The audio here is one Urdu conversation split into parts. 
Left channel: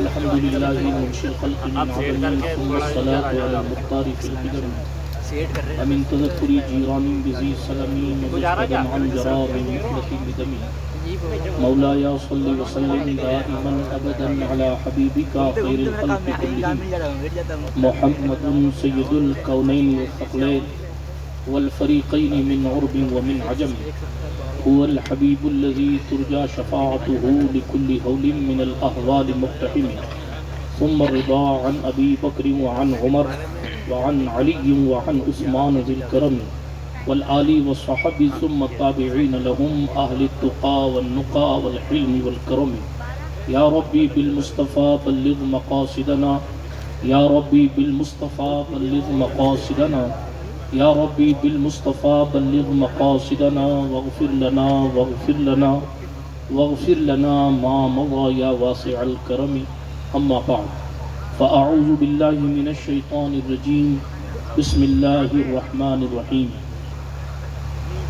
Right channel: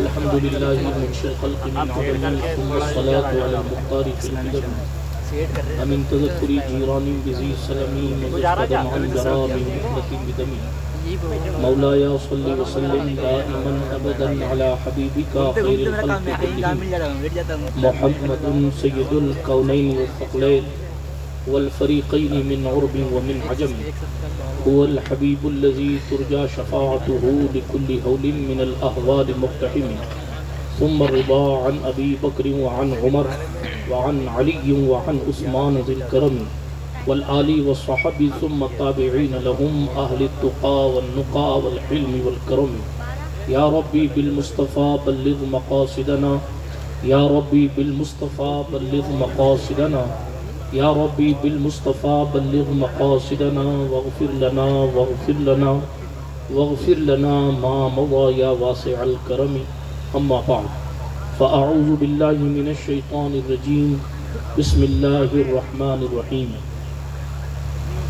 الحمد للہ منشی الخلق من عدم ثم الصلاة على المختار في القدم ومن تذكر جيران بذي سلمي مزددا عن جرار نحلة بدمي مولاي صل وسلم دائما ابدا على حبيبك خير الخلق كلهم محمد سيد الكونين والثقلين والفريقين من عرب ومن عجم هو الحبيب الذي ترجى شفاعته لكل هول من الأهوال مقتحم ثم الرضا عن أبي بكر وعن عمر وعن علي وعن عثمان ذي الكرم والآل والصحب ثم التابعين لهم أهل التقى والنقى والحلم والكرم يا ربي بالمصطفى بلغ مقاصدنا يا ربي بالمصطفى بلغ مقاصدنا یا ربی بالمصطفى بلغ مقاصدنا واغفر لنا واغفر لنا واغفر لنا ما مضى یا واسع الکرم اما بعد فاعوذ باللہ من الشیطان الرجیم بسم اللہ الرحمن الرحیم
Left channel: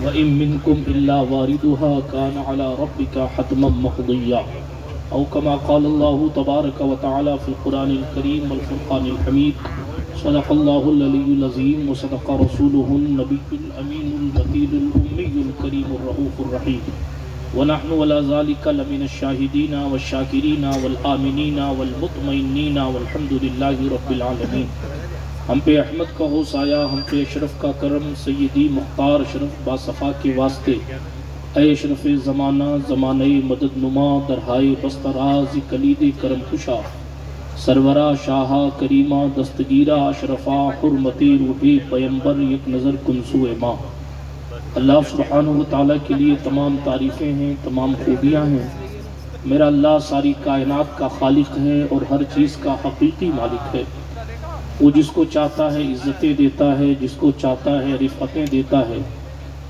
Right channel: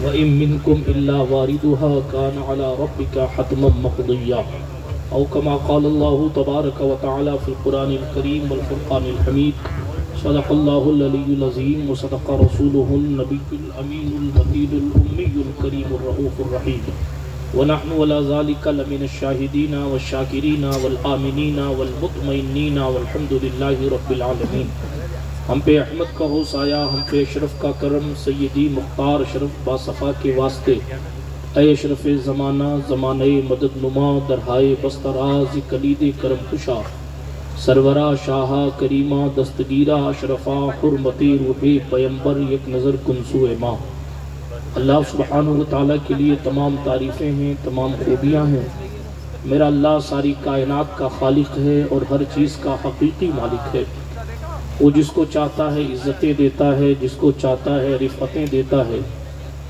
وَإِن مِّنكُمْ إِلَّا وَارِدُهَا كَانَ عَلَى رَبِّكَ حَتْمًا مَّقْضِيًّا او كما قال اللہ تبارک وتعالی فی القرآن الکریم والفرقان الحمید صدق اللہ العلی العظیم وصدق رسولہ النبی الامین المکین الامی الکریم الرؤوف الرحیم ونحن ولا ذلك لمن الشاہدین والشاکرین والآمنین والمطمئنین والحمد للہ رب العالمین. ہم پہ احمد کا ہو سایہ، ہم پہ اشرف کا کرم، سیدی مختار اشرف باصفا کے واسطے، اے اشرف زمانہ زمانہ مدد نما درہائے بستراز کلید کرم خوشا، سرورہ شاہا کریمہ دستگیرہ اشرفا حرمتی روحی پیمبر یک نظر کنسو ماں. اللہ سبحانہ وتعالیٰ کے لیے تمام تعریفیں ہیں، تمام خوبیاں ہیں. میرا اللہ ساری کائنات کا خالق ہے اور ہر چیز کا حقیقی مالک ہے. وہ جس کو چاہتا ہے عزتیں دیتا ہے، جس کو چاہتا ہے رفعتیں دیتا ہے،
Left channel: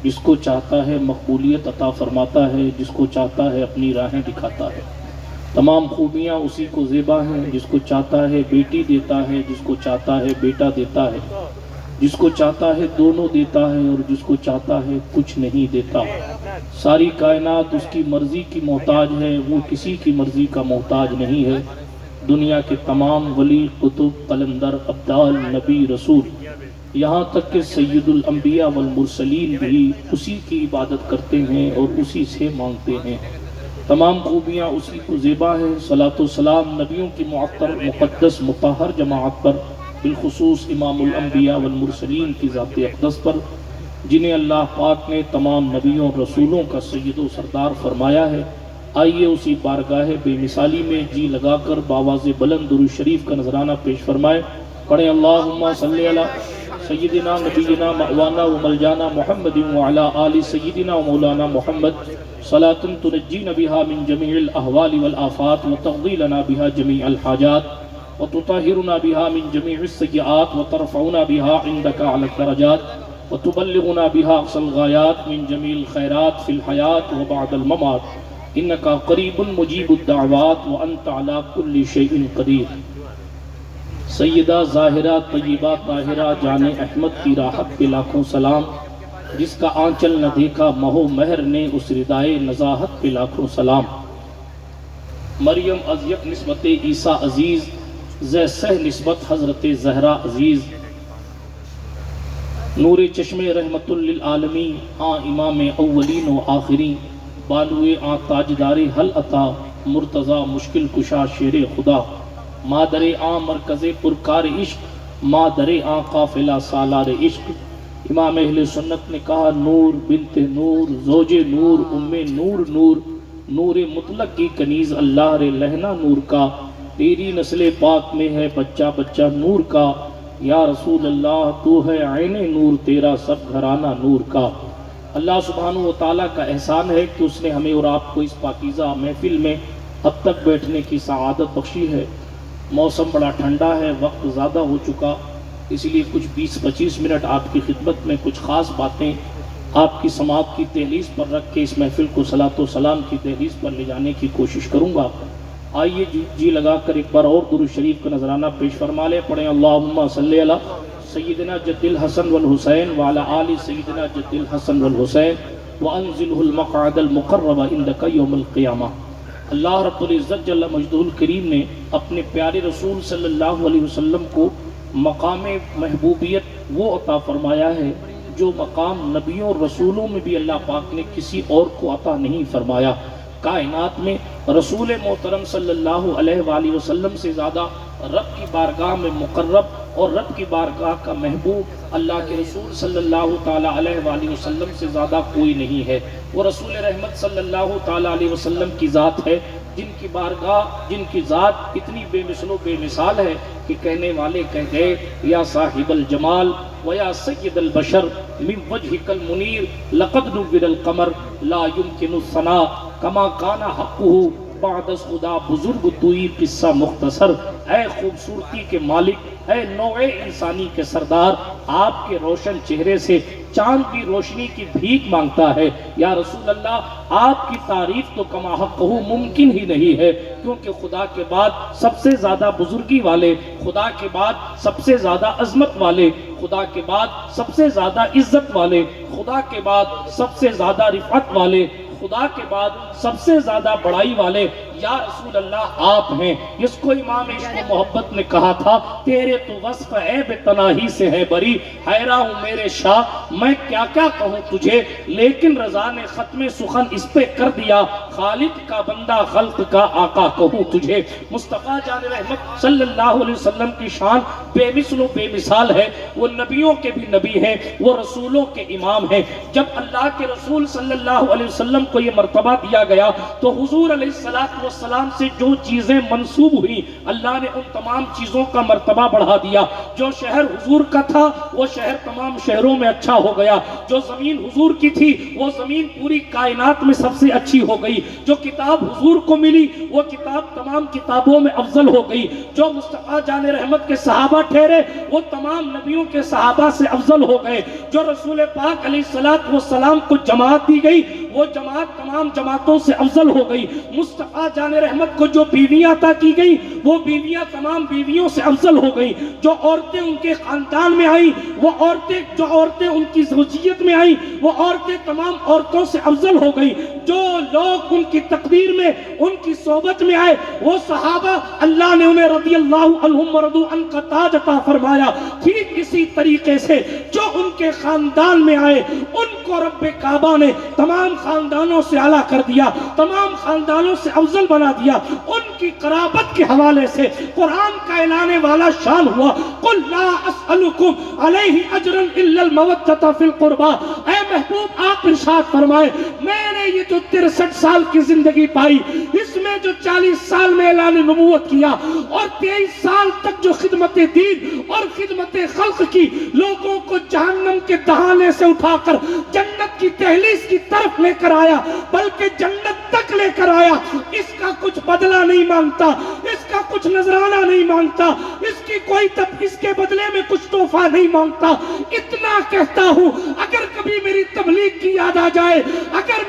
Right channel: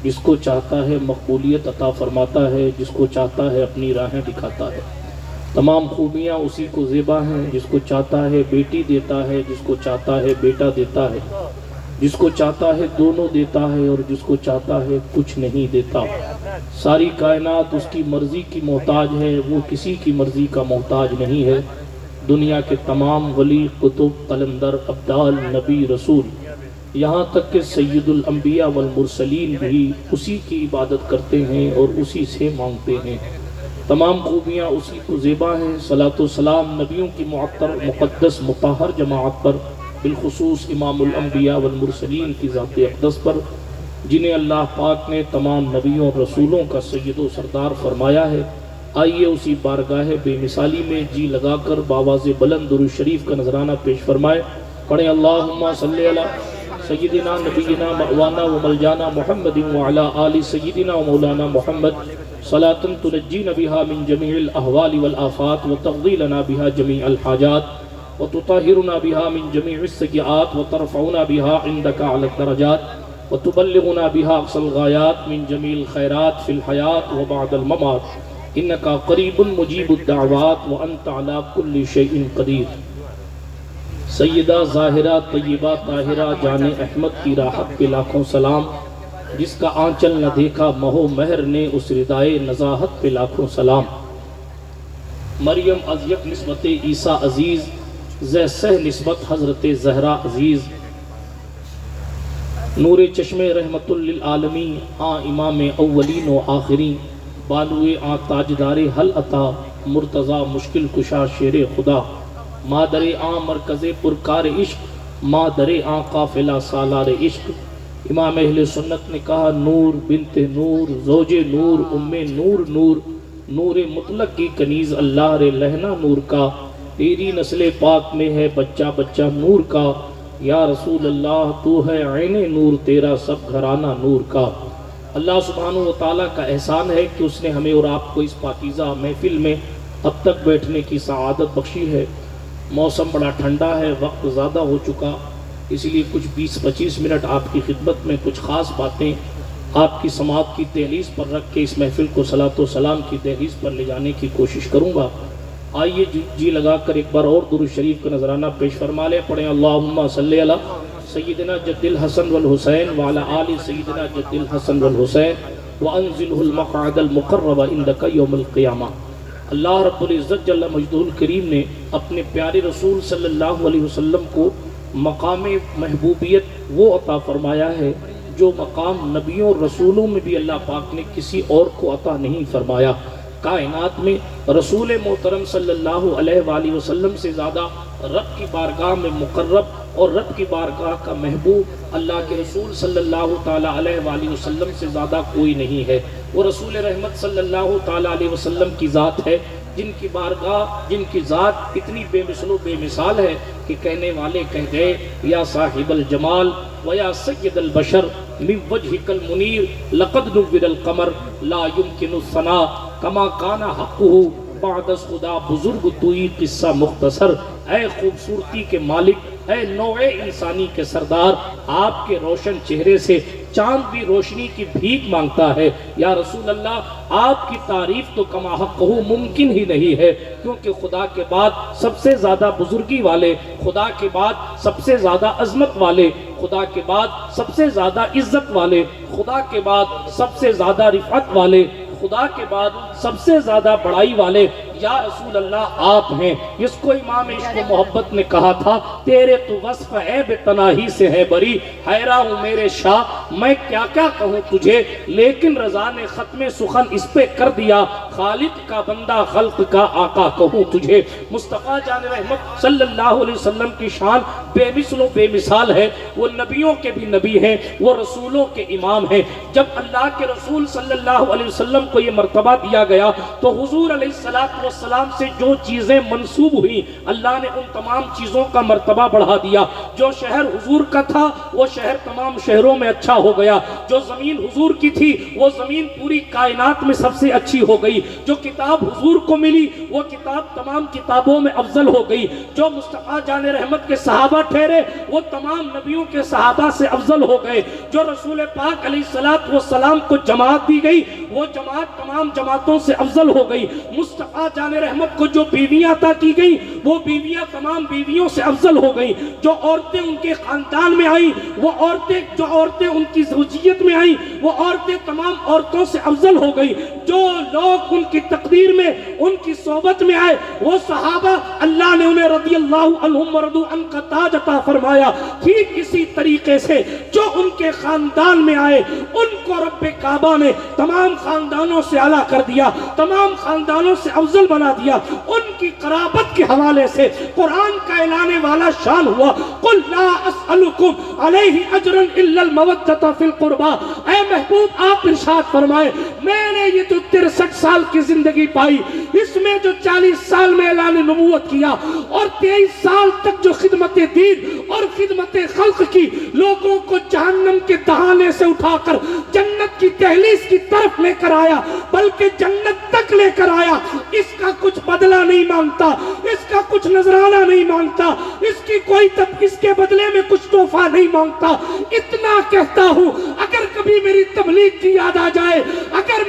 جس کو چاہتا ہے مقبولیت عطا فرماتا ہے، جس کو چاہتا ہے اپنی راہیں دکھاتا ہے. تمام خوبیاں اسی کو زیبا ہیں. جس کو چاہتا ہے بیٹی دیتا ہے، جس کو چاہتا ہے بیٹا دیتا ہے، جس کو چاہتا ہے دونوں دیتا ہے اور جس کو چاہتا ہے کچھ نہیں دیتا. ساری کائنات اس کی مرضی کی محتاج ہے، وہ کسی کی مرضی کا محتاج نہیں ہے. دنیا کے تمام ولی قطب قلندر ابدال نبی رسول یہاں تک کہ سید الانبیاء والمرسلین بھی اسی کی عبادت کرتے ہیں اور اسی سے مانگتے ہیں. تمام خوبیاں اسی کو زیبا ہیں. صلاۃ و سلام نبیوں کی معطر مقدس مطہر جماعت پر، بالخصوص امام الانبیاء والمرسلین کی ذات اقدس پر، جنہیں اللہ پاک نے تمام نبیوں اور رسولوں کا سید و سردار فرمایا ہے. آئیے اسی بارگاہ بے مثالی میں جی لگا کر باواز بلند درود شریف کا نذرانہ پیش فرمائے. پڑھیں اللہم صلی علی سیدنا نبینا مأوانا و ملجانا محمد وعلا آل سیدنا و مولانا محمد صلاة تنجینا بها من جمیع الاحوال والآفات وتقضی لنا بها جمیع الحاجات وتطہرنا بها من جمیع السیئات وترفعنا بها عندك على الدرجات وتبلغنا بها اقصى الغایات من جمیع الخیرات فی الحیاة وبعد الممات انکا قریب مجیب الدعوات وانت علی کل شیء قدیر. سیدہ ظاہرہ طیبہ طاہرہ جان احمد کی راحت پہ لاکھوں سلام. جس کا آنچل نہ دیکھا مہو مہر نے اس ردائے نزاہت پہ لاکھوں سلام. مریم از یک نسبت عیسیٰ عزیز، زہ سہ نسبت حضرت زہرا عزیز. نور چشم رحمت للعالمین آ امام اولین و آخرین، بالوے آ تاجدار حل عطا مرتضی مشکل کشا شیر خدا. مادر آ مرکز پرکار عشق، مادر آ قافلہ سالار عشق. امام اہل سنت نے کہا نور بنت نور زوج نور ام نور نور، نور مطلق کی کنیز اللہ رے لہنا نور کا. تیری نسل پاک میں ہے بچہ بچہ نور کا. یا رسول اللہ تو ہے عین نور، تیرا سب گھرانہ نور کا. اللہ سبحانہ و تعالیٰ کا احسان ہے کہ اس نے ہمیں اور آپ کو اس پاکیزہ محفل میں اب تک بیٹھنے کی سعادت بخشی ہے. موسم بڑا ٹھنڈا ہے، وقت زیادہ ہو چکا، اس لیے کچھ 20-25 منٹ آپ کی خدمت میں کچھ خاص باتیں آپ کی سماعت کی دہلیز پر رکھ کے اس محفل کو صلاۃ و سلام کی دہلیز پر لے جانے کی کوشش کروں گا. آئیے جی لگا کر ایک بار اور درود شریف کا نذرانہ پیش فرما لیں. پڑھیں اللہم صلی علی سیدنا جد الحسن والحسین وعلی آل سیدنا جد الحسن والحسین وانزلہ المقعد المقرب عندک یوم القیامہ. اللہ رب العزت جل مجدہ الکریم نے اپنے پیارے رسول صلی اللہ علیہ وسلم کو مقام محبوبیت وہ عطا فرمایا ہے جو مقام نبیوں اور رسولوں میں بھی اللہ پاک نے کسی اور کو عطا نہیں فرمایا۔ کائنات میں رسول محترم صلی اللہ علیہ وآلہ وسلم سے زیادہ رب کی بارگاہ میں مقرب اور رب کی بارگاہ کا محبوب اللہ کے رسول صلی اللہ تعالیٰ علیہ وآلہ وسلم سے زیادہ کوئی نہیں ہے۔ وہ رسول رحمت صلی اللہ تعالیٰ علیہ وسلم کی ذات ہے جن کی بارگاہ، جن کی ذات اتنی بے مثل و بے مثال ہے کہ کہنے والے کہہ گئے یا صاحب الجمال ویا سید البشر من وجہک المنیر لقد نور القمر لا يمکن الثناء کما کان حقہ بعد از خدا بزرگ توئی قصہ مختصر۔ اے خوبصورتی کے مالک، اے نوع انسانی کے سردار، آپ کے روشن چہرے سے چاند بھی روشنی کی بھیک مانگتا ہے۔ یا رسول اللہ، آپ کی تعریف تو کما حق ممکن ہی نہیں ہے، کیونکہ خدا کے بعد سب سے زیادہ بزرگی والے، خدا کے بعد سب سے زیادہ عظمت والے، خدا کے بعد سب سے زیادہ عزت والے، خدا کے بعد سب سے زیادہ رفعت والے، خدا کے بعد سب سے زیادہ بڑائی والے یا رسول اللہ آپ ہیں، جس کو امام عشق و محبت نے کہا تھا تیرے تو وصف عیب تناہی سے ہے بری، حیران ہوں میرے شاہ میں کیا کیا کہوں تجھے، لیکن رضا نے ختم سخن اس پہ کر دیا، خالق کا بندہ خلق کا آقا کہوں تجھے۔ مصطفیٰ جان رحمت صلی اللہ علیہ وسلم کی شان بے مثل و بے مثال ہے، وہ نبیوں کے بھی نبی ہیں، وہ رسولوں کے امام ہیں۔ جب اللہ کے رسول صلی اللہ علیہ وسلم کو یہ مرتبہ دیا گیا تو حضور علیہ السلام سے جو چیزیں منسوب ہوئی اللہ نے ان تمام چیزوں کا مرتبہ بڑھا دیا۔ جو شہر حضور کا تھا وہ شہر تمام شہروں میں اچھا ہو گیا، جو زمین حضور کی تھی وہ زمین پوری کائنات میں سب سے اچھی ہو گئی، جو کتاب حضور کو ملی وہ کتاب تمام کتابوں میں افضل ہو گئی، جو مصطفیٰ جان رحمت کے صحابہ ٹھہرے وہ تمام نبیوں کے صحابہ سے افضل ہو گئے، جو رسول پاک علیہ السلام کو جماعت دی گئی وہ جماعت تمام جماعتوں سے افضل ہو گئی، مصطفیٰ جان رحمت کو جو بیویاں عطا کی گئی وہ بیویاں تمام بیویوں سے افضل ہو گئی، جو عورتیں ان کے خاندان میں آئیں وہ عورتیں ان کی زوجیت میں آئیں وہ عورتیں تمام عورتوں سے افضل ہو گئی، جو لوگ ان کی تقدیر میں ان کی صحبت میں آئے وہ صحابہ اللہ نے انہیں رضی اللہ عنہم ورضوا عنہ کا تاج عطا فرمایا۔ ٹھیک اسی طریقے سے جو ان کے خاندان میں آئے ان کو رب کعبہ نے تمام خاندانوں سے اعلیٰ کر دیا، تمام خاندانوں سے افضل بنا دیا۔ ان کی قرابت کے حوالے سے قرآن کا اعلان والا شان ہوا، قل لا اسألکم علیہ اجرا الا المودۃ فی القربى۔ اے محبوب آپ ارشاد فرمائے میں نے یہ جو 63 سال کی زندگی پائی اس میں جو 40 سال میں اعلان نبوت کیا اور 23 سال تک جو خدمت دین اور خدمت خلق کی، لوگوں کو جہنم کے دہانے سے اٹھا کر جنت کی دہلیز کی طرف لے کر آیا بلکہ جنت تک لے کر آیا، اس کا کچھ بدلہ نہیں مانگتا، اس کا کچھ نذرانہ نہیں مانگتا، اس کے بدلے میں کچھ تحفہ نہیں مانگتا۔ اتنا کہتا ہوں اگر کبھی میری تبلیغ کی یاد آ جائے، اگر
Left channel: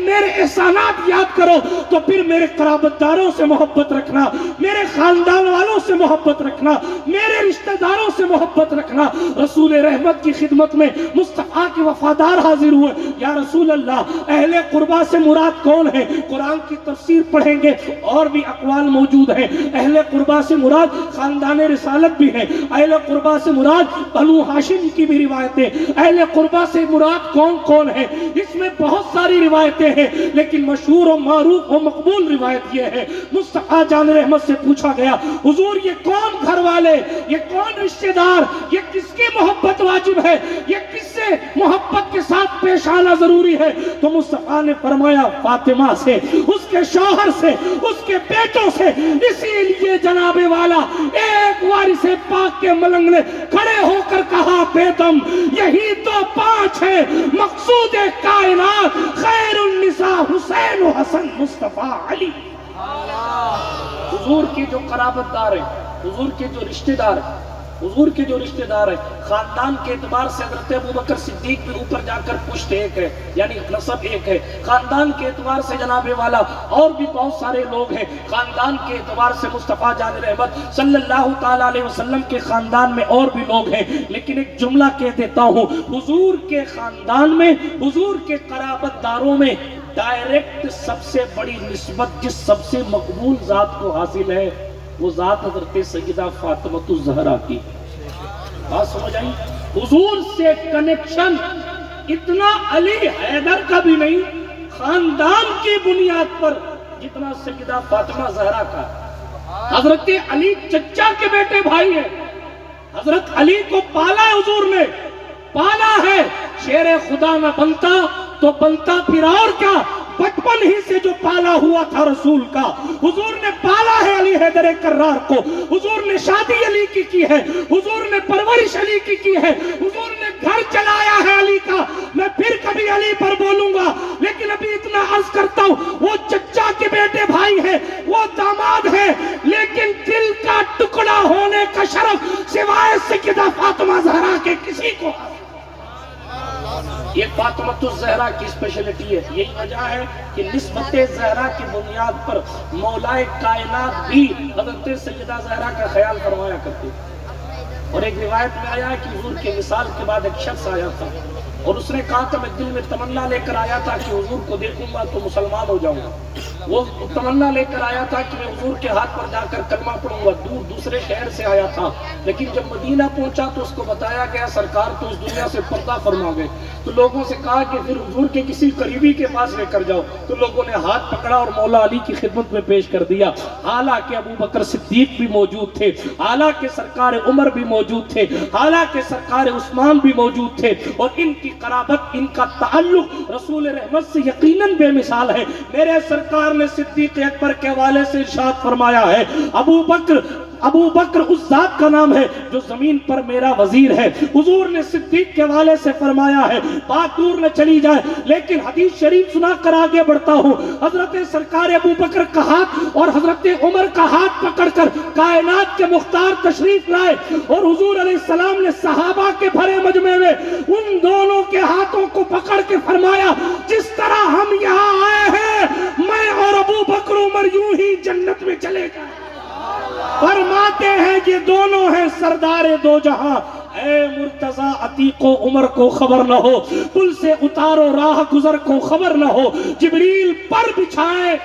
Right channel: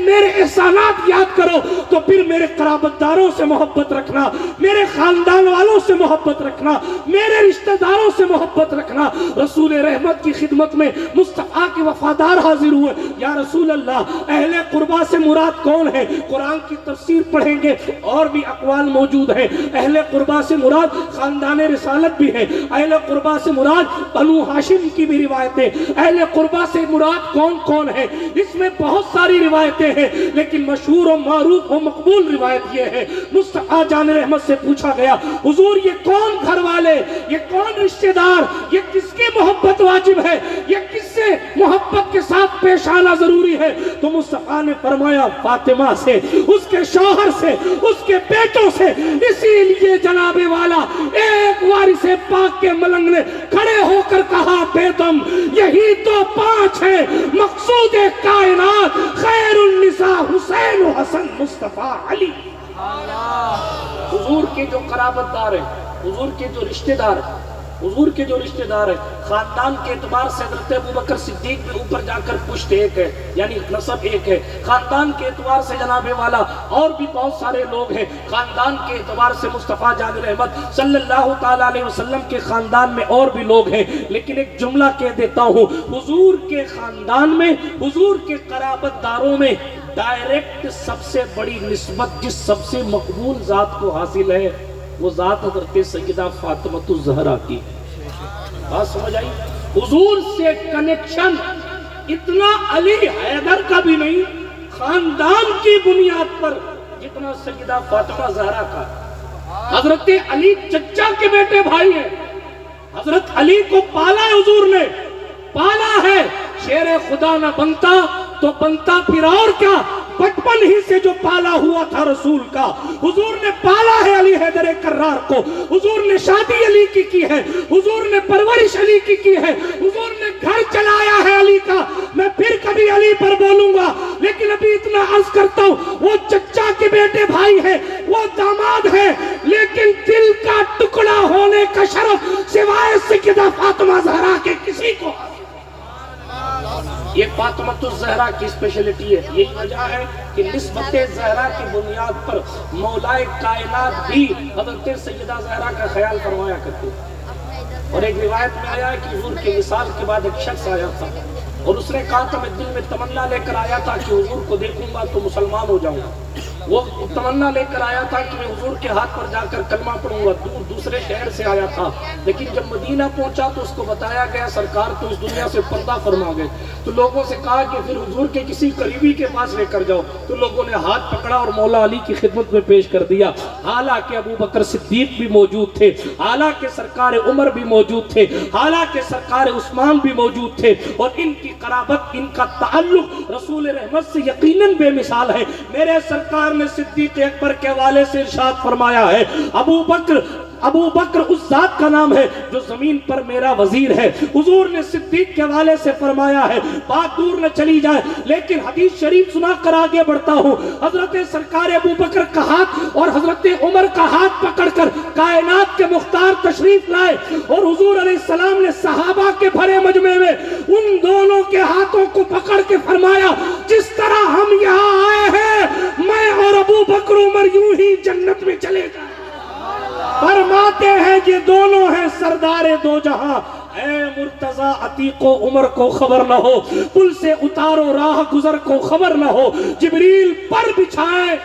میرے احسانات یاد کرو تو پھر میرے قرابت داروں سے محبت رکھنا، میرے خاندان والوں سے محبت رکھنا، میرے رشتہ داروں سے محبت رکھنا۔ رسول رحمت کی خدمت میں مصطفیٰ کے وفادار حاضر ہوئے، یا رسول اللہ اہل قربا سے مراد کون ہے؟ قرآن کی تفسیر پڑھیں گے اور بھی اقوال موجود ہیں۔ اہل قربا سے مراد خاندان رسالت بھی ہے، اہل قربا سے مراد بنو ہاشم کی بھی روایتیں، اہل قربا سے مراد کون کون ہے؟ اس میں بہت ساری روایتیں ہیں لیکن مشہور و معروف و مقبول روایت یہ ہے، مصطفیٰ جان رحمت سے پوچھا گیا حضور یہ کون گھر والے، یہ کون رشتہ دار، یہ کس کی محبت واجب ہے، یہ کس سے محبت کے ساتھ پیش آنا ضروری ہے؟ تو مصطفیٰ نے فرمایا فاطمہ سے، اس کے شوہر سے، اس کے بیٹوں سے۔ اسی لیے جناب والا ایک وارث پاک کے ملنگ نے کھڑے ہو کر کہا بیدم یہی تو 5 ہے مقصود کائنات، خیر النساء حسین و حسن مصطفیٰ علی۔ حضور کے جو قرابت دار ہیں، حضور کے جو رشتہ دار ہیں، حضور کے جو رشتہ دار ہیں، خاندان کے اعتبار سے حضرت ابوبکر صدیق بھی اوپر جا کر پشت ایک ہے، یعنی نسب ایک ہے۔ خاندان کے اعتبار سے جناب والا اور بھی بہت سارے لوگ ہیں، خاندان کے اعتبار سے مصطفیٰ جان رحمت صلی اللہ تعالیٰ علیہ وسلم کے خاندان میں اور بھی لوگ ہیں، لیکن ایک جملہ کہہ دیتا ہوں، حضور کے خاندان میں، حضور کے قرابت داروں میں ڈائریکٹ سب سے بڑی نسبت جس سب سے مقبول ذات کو حاصل ہے وہ ذات حضرت سیدہ فاطمہ الزہرا کی ہے. بات سمجھ آئی؟ حضور سے کنیکشن اتنا علی حیدر کا بھی نہیں خاندان کی بنیاد پر جتنا سیدہ فاطمہ زہرا کا. حضرت علی چچا کے بیٹے بھائی ہیں. حضرت علی کو پالا حضور نے، پالا ہے. شیر خدا نہ بنتا تو بنتا پھر اور کیا، بچپن ہی سے جو پالا ہوا تھا رسول کا. حضور نے پالا ہے علی حیدر کرار کو. حضور نے شادی علی کی ہے. حضور نے پرورش علی کی ہے. حضور نے گھر چلایا ہے علی کا. میں پھر کبھی علی پر بولوں گا، لیکن ابھی اتنا عرض کرتا ہوں، وہ چچا کے بیٹے بھائی ہے، وہ داماد ہے، لیکن دل کا ٹکڑا ہونے کا شرف سوائے سیدہ فاطمہ زہرا کے کسی کو. یہ فاطمہ الزہرا کی اسپیشلٹی ہے. یہی وجہ ہے کہ نسبت زہرا کی بنیاد پر مولائے کائنات بھی حضرت سیدہ زہرا کا خیال فرمایا کرتے. اور ایک روایت میں آیا کہ حضور کے وصال کے بعد ایک شخص آیا تھا اور اس نے کہا تھا میں دل میں تمنا لے کر آیا تھا کہ حضور کو دیکھوں گا تو مسلمان ہو جاؤں گا. وہ تمنا لے کر آیا تھا کہ میں حضور کے ہاتھ پر جا کر کلمہ پڑھوں گا. دوسرے شہر سے آیا تھا، لیکن جب مدینہ پہنچا تو اس کو بتایا گیا سرکار تو اس دنیا سے پردہ فرما گئے. تو لوگوں سے کہا کہ پھر حضور کے کسی قریبی کے پاس لے کر جاؤ. تو لوگوں نے ہاتھ پکڑا اور مولا علی کی خدمت میں پیش کر دیا. حالانکہ ابو بکر صدیق بھی موجود تھے، حالانکہ سرکار عمر بھی موجود تھے، حالانکہ سرکار عثمان بھی موجود تھے، اور ان کی قرابت، ان کا تعلق رسول رحمت سے یقیناً بے مثال ہے. میرے سرکار نے صدیق اکبر کے حوالے سے ارشاد فرمایا ہے، ابو بکر اس ذات کا نام ہے جو زمین پر میرا وزیر ہے. حضور نے صدیق کے حوالے سے فرمایا ہے. بات دور نہ چلی جائے لیکن حدیث شریف سنا کر آگے بڑھتا ہوں. حضرت سرکار ابو بکر کا ہاتھ اور حضرت عمر کا ہاتھ پکڑ کر کائنات کے مختار تشریف لائے اور حضور علیہ السلام نے صحابہ کے بھرے مجمع میں ان دونوں کے ہاتھوں کو پکڑ کے فرمایا، جس طرح ہم یہاں آئے ہیں میں اور ابو بکر عمر یوں ہی جنت میں چلے گئے. فرماتے ہیں یہ دونوں ہیں سردار دو جہاں. اے مرتضی عتیق و عمر کو خبر نہ ہو، پل سے اتارو راہ گزر کو خبر نہ ہو، جبریل پر بچھائے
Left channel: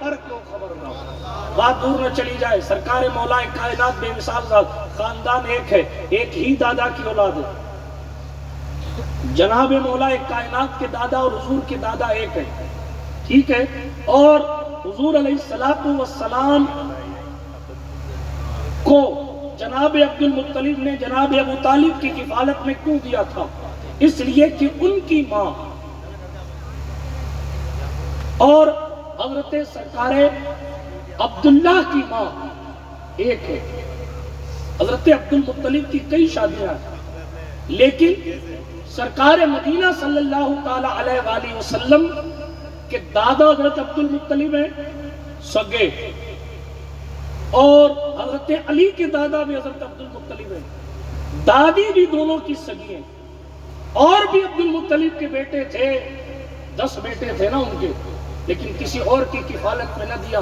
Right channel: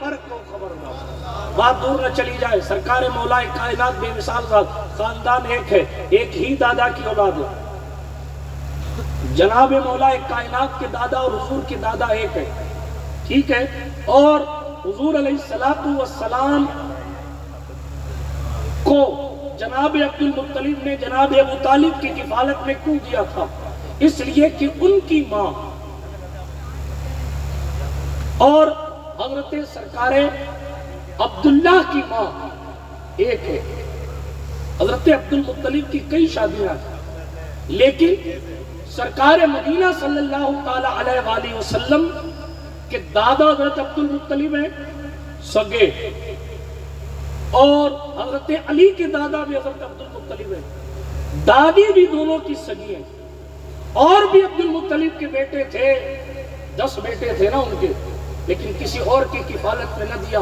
پر کو خبر نہ ہو. بات دور نہ چلی جائے، سرکار مولا کائنات بے مثال ذات. خاندان ایک ہے، ایک ہی دادا کی اولاد ہے. جناب مولا کائنات کے دادا اور حضور کے دادا ایک ہے، ٹھیک ہے. اور حضور علیہ السلام کو جناب عبد المطلب نے جناب ابو طالب کی کفالت میں کیوں دیا تھا؟ اس لیے کہ ان کی ماں اور حضرت سرکار عبداللہ کی ماں ایک ہے. حضرت عبد المطلب کی کئی شادیاں ہیں، لیکن سرکار مدینہ صلی اللہ تعالی علیہ وآلہ وسلم کے دادا حضرت عبد المطلب ہیں سگے، اور حضرت علی کے دادا بھی حضرت عبد المطلب ہیں، دادی بھی دونوں کی سگی ہیں. اور بھی عبد المطلب کے بیٹے تھے، 10 بیٹے تھے نا ان کے، لیکن کسی اور کی کفالت میں نہ دیا،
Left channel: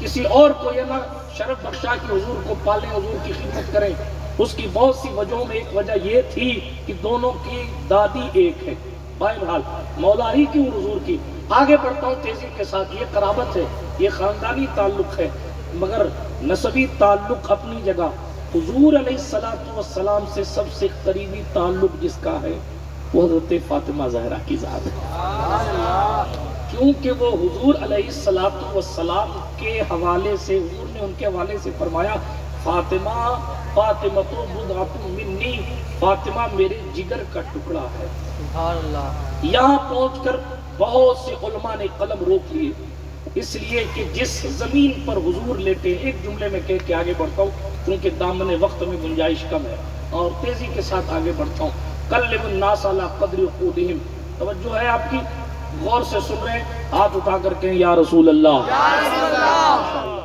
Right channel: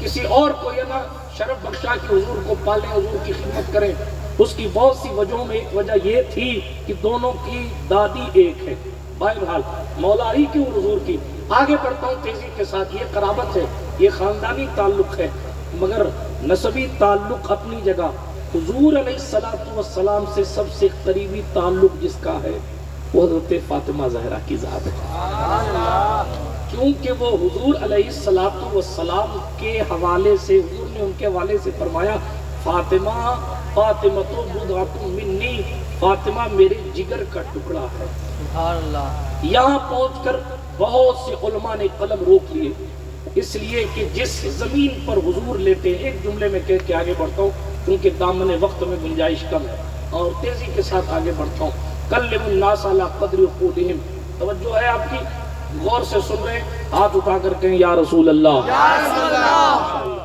کسی اور کو یہ نہ شرف بخشا کہ حضور کو پالیں، حضور کی خدمت کریں. اس کی بہت سی وجہوں میں ایک وجہ یہ تھی کہ دونوں کی دادی ایک ہے. بہرحال مولا علی کی اور حضور کی. آگے بڑھتا ہوں تیزی کے ساتھ. یہ قرابت ہے، یہ خاندانی تعلق ہے، مگر نسبی تعلق اپنی جگہ. حضور علیہ السلام سے سب سے قریبی تعلق جس کا ہے وہ حضرت فاطمہ زہرا کی ذات ہے. کیونکہ وہ حضور علیہ السلام کے حوالے سے، حضور نے ان کے حوالے سے فرمایا فاطمہ تو بضعۃ منی، فاطمہ میرے جگر کا ٹکڑا ہے. سبحان اللہ. یہاں پہنچ کر بہت سے علماء نے قلم روک لیے، اس لیے کہ جس زمین پر حضور لیتے ہیں، ایک جملے میں کہہ کے آگے بڑھتا ہوں کیونکہ دامن وقت میں گنجائش کم ہے اور تیزی کے ساتھ آگے بڑھتا ہوں. کلم الناس علی قدر عقولہم. توجہ ہے آپ کی، غور سے سن رہے ہیں، ہاتھ اٹھا کر کہیں یا رسول اللہ. یا رسول اللہ.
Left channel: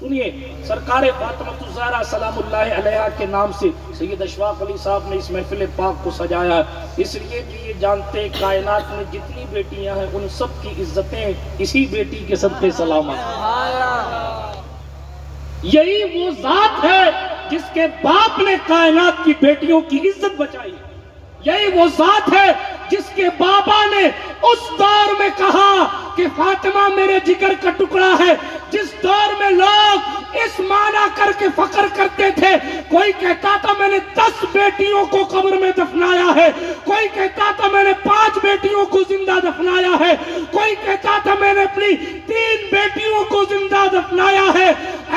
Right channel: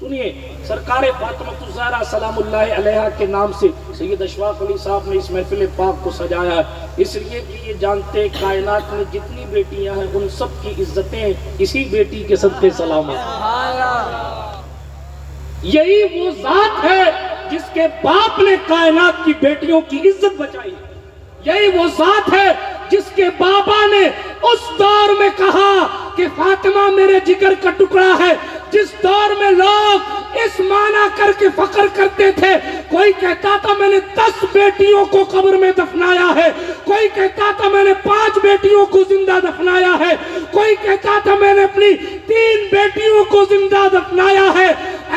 سنیے، سرکار فاطمہ الزہرا سلام اللہ علیہا کے نام سے سید اشفاق علی صاحب نے اس محفل پاک کو سجایا ہے، اس لیے کہ یہ جانتے کائنات میں جتنی بیٹیاں ہیں ان سب کی عزتیں اسی بیٹی کے صدقے سلام ہیں. یہی وہ ذات ہے جس کے باپ نے کائنات کی بیٹیوں کی عزت بچائی. یہی وہ ذات ہے جس کے بابا نے اس دور میں کہا کہ فاطمہ میرے جگر کا ٹکڑا ہے، جس دور میں لوگ اس معنی کر کے فخر کرتے تھے، کوئی کہتا تھا میں نے 10 بیٹیوں کو قبر میں دفنایا ہے، کوئی کہتا تھا میں نے 5 بیٹیوں کو زندہ دفنایا ہے، کوئی کہتا تھا میں نے اپنی 3 بیٹیوں کو زندہ دفنایا ہے،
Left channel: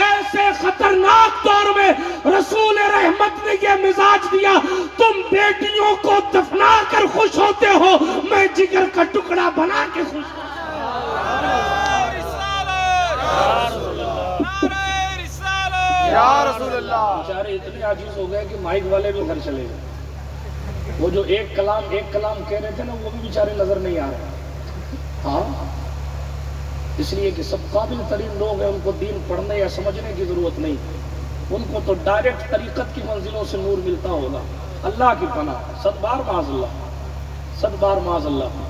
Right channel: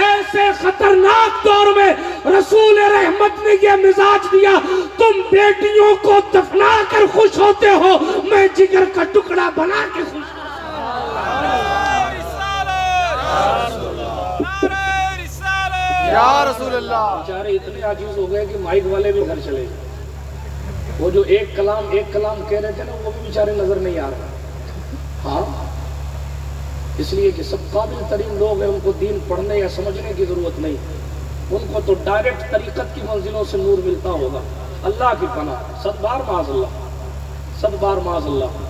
ایسے خطرناک دور میں رسول رحمت نے یہ مزاج دیا، تم بیٹیوں کو دفنا کر خوش ہوتے ہو، میں جگر کا ٹکڑا بنا کے خوش ہوں۔ یا رسول اللہ۔ بیچارے اتنے عاجز ہو گئے کہ مائک والے بھی گھر چلے گئے، وہ جو ایک کلام کہہ رہے تھے نا، وہ بھی بیچارے نظر نہیں آ رہا۔ ہاں، اس لیے کہ سب قابل ترین لوگ ہیں، ان کو دین پڑھنے یا سمجھنے کی ضرورت نہیں، ان کو تو ڈائریکٹ طریقت کی منزلوں سے نور ملتا ہوگا۔ اللہ کی پناہ، 100 بار معاذ اللہ، 100 بار معاذ اللہ۔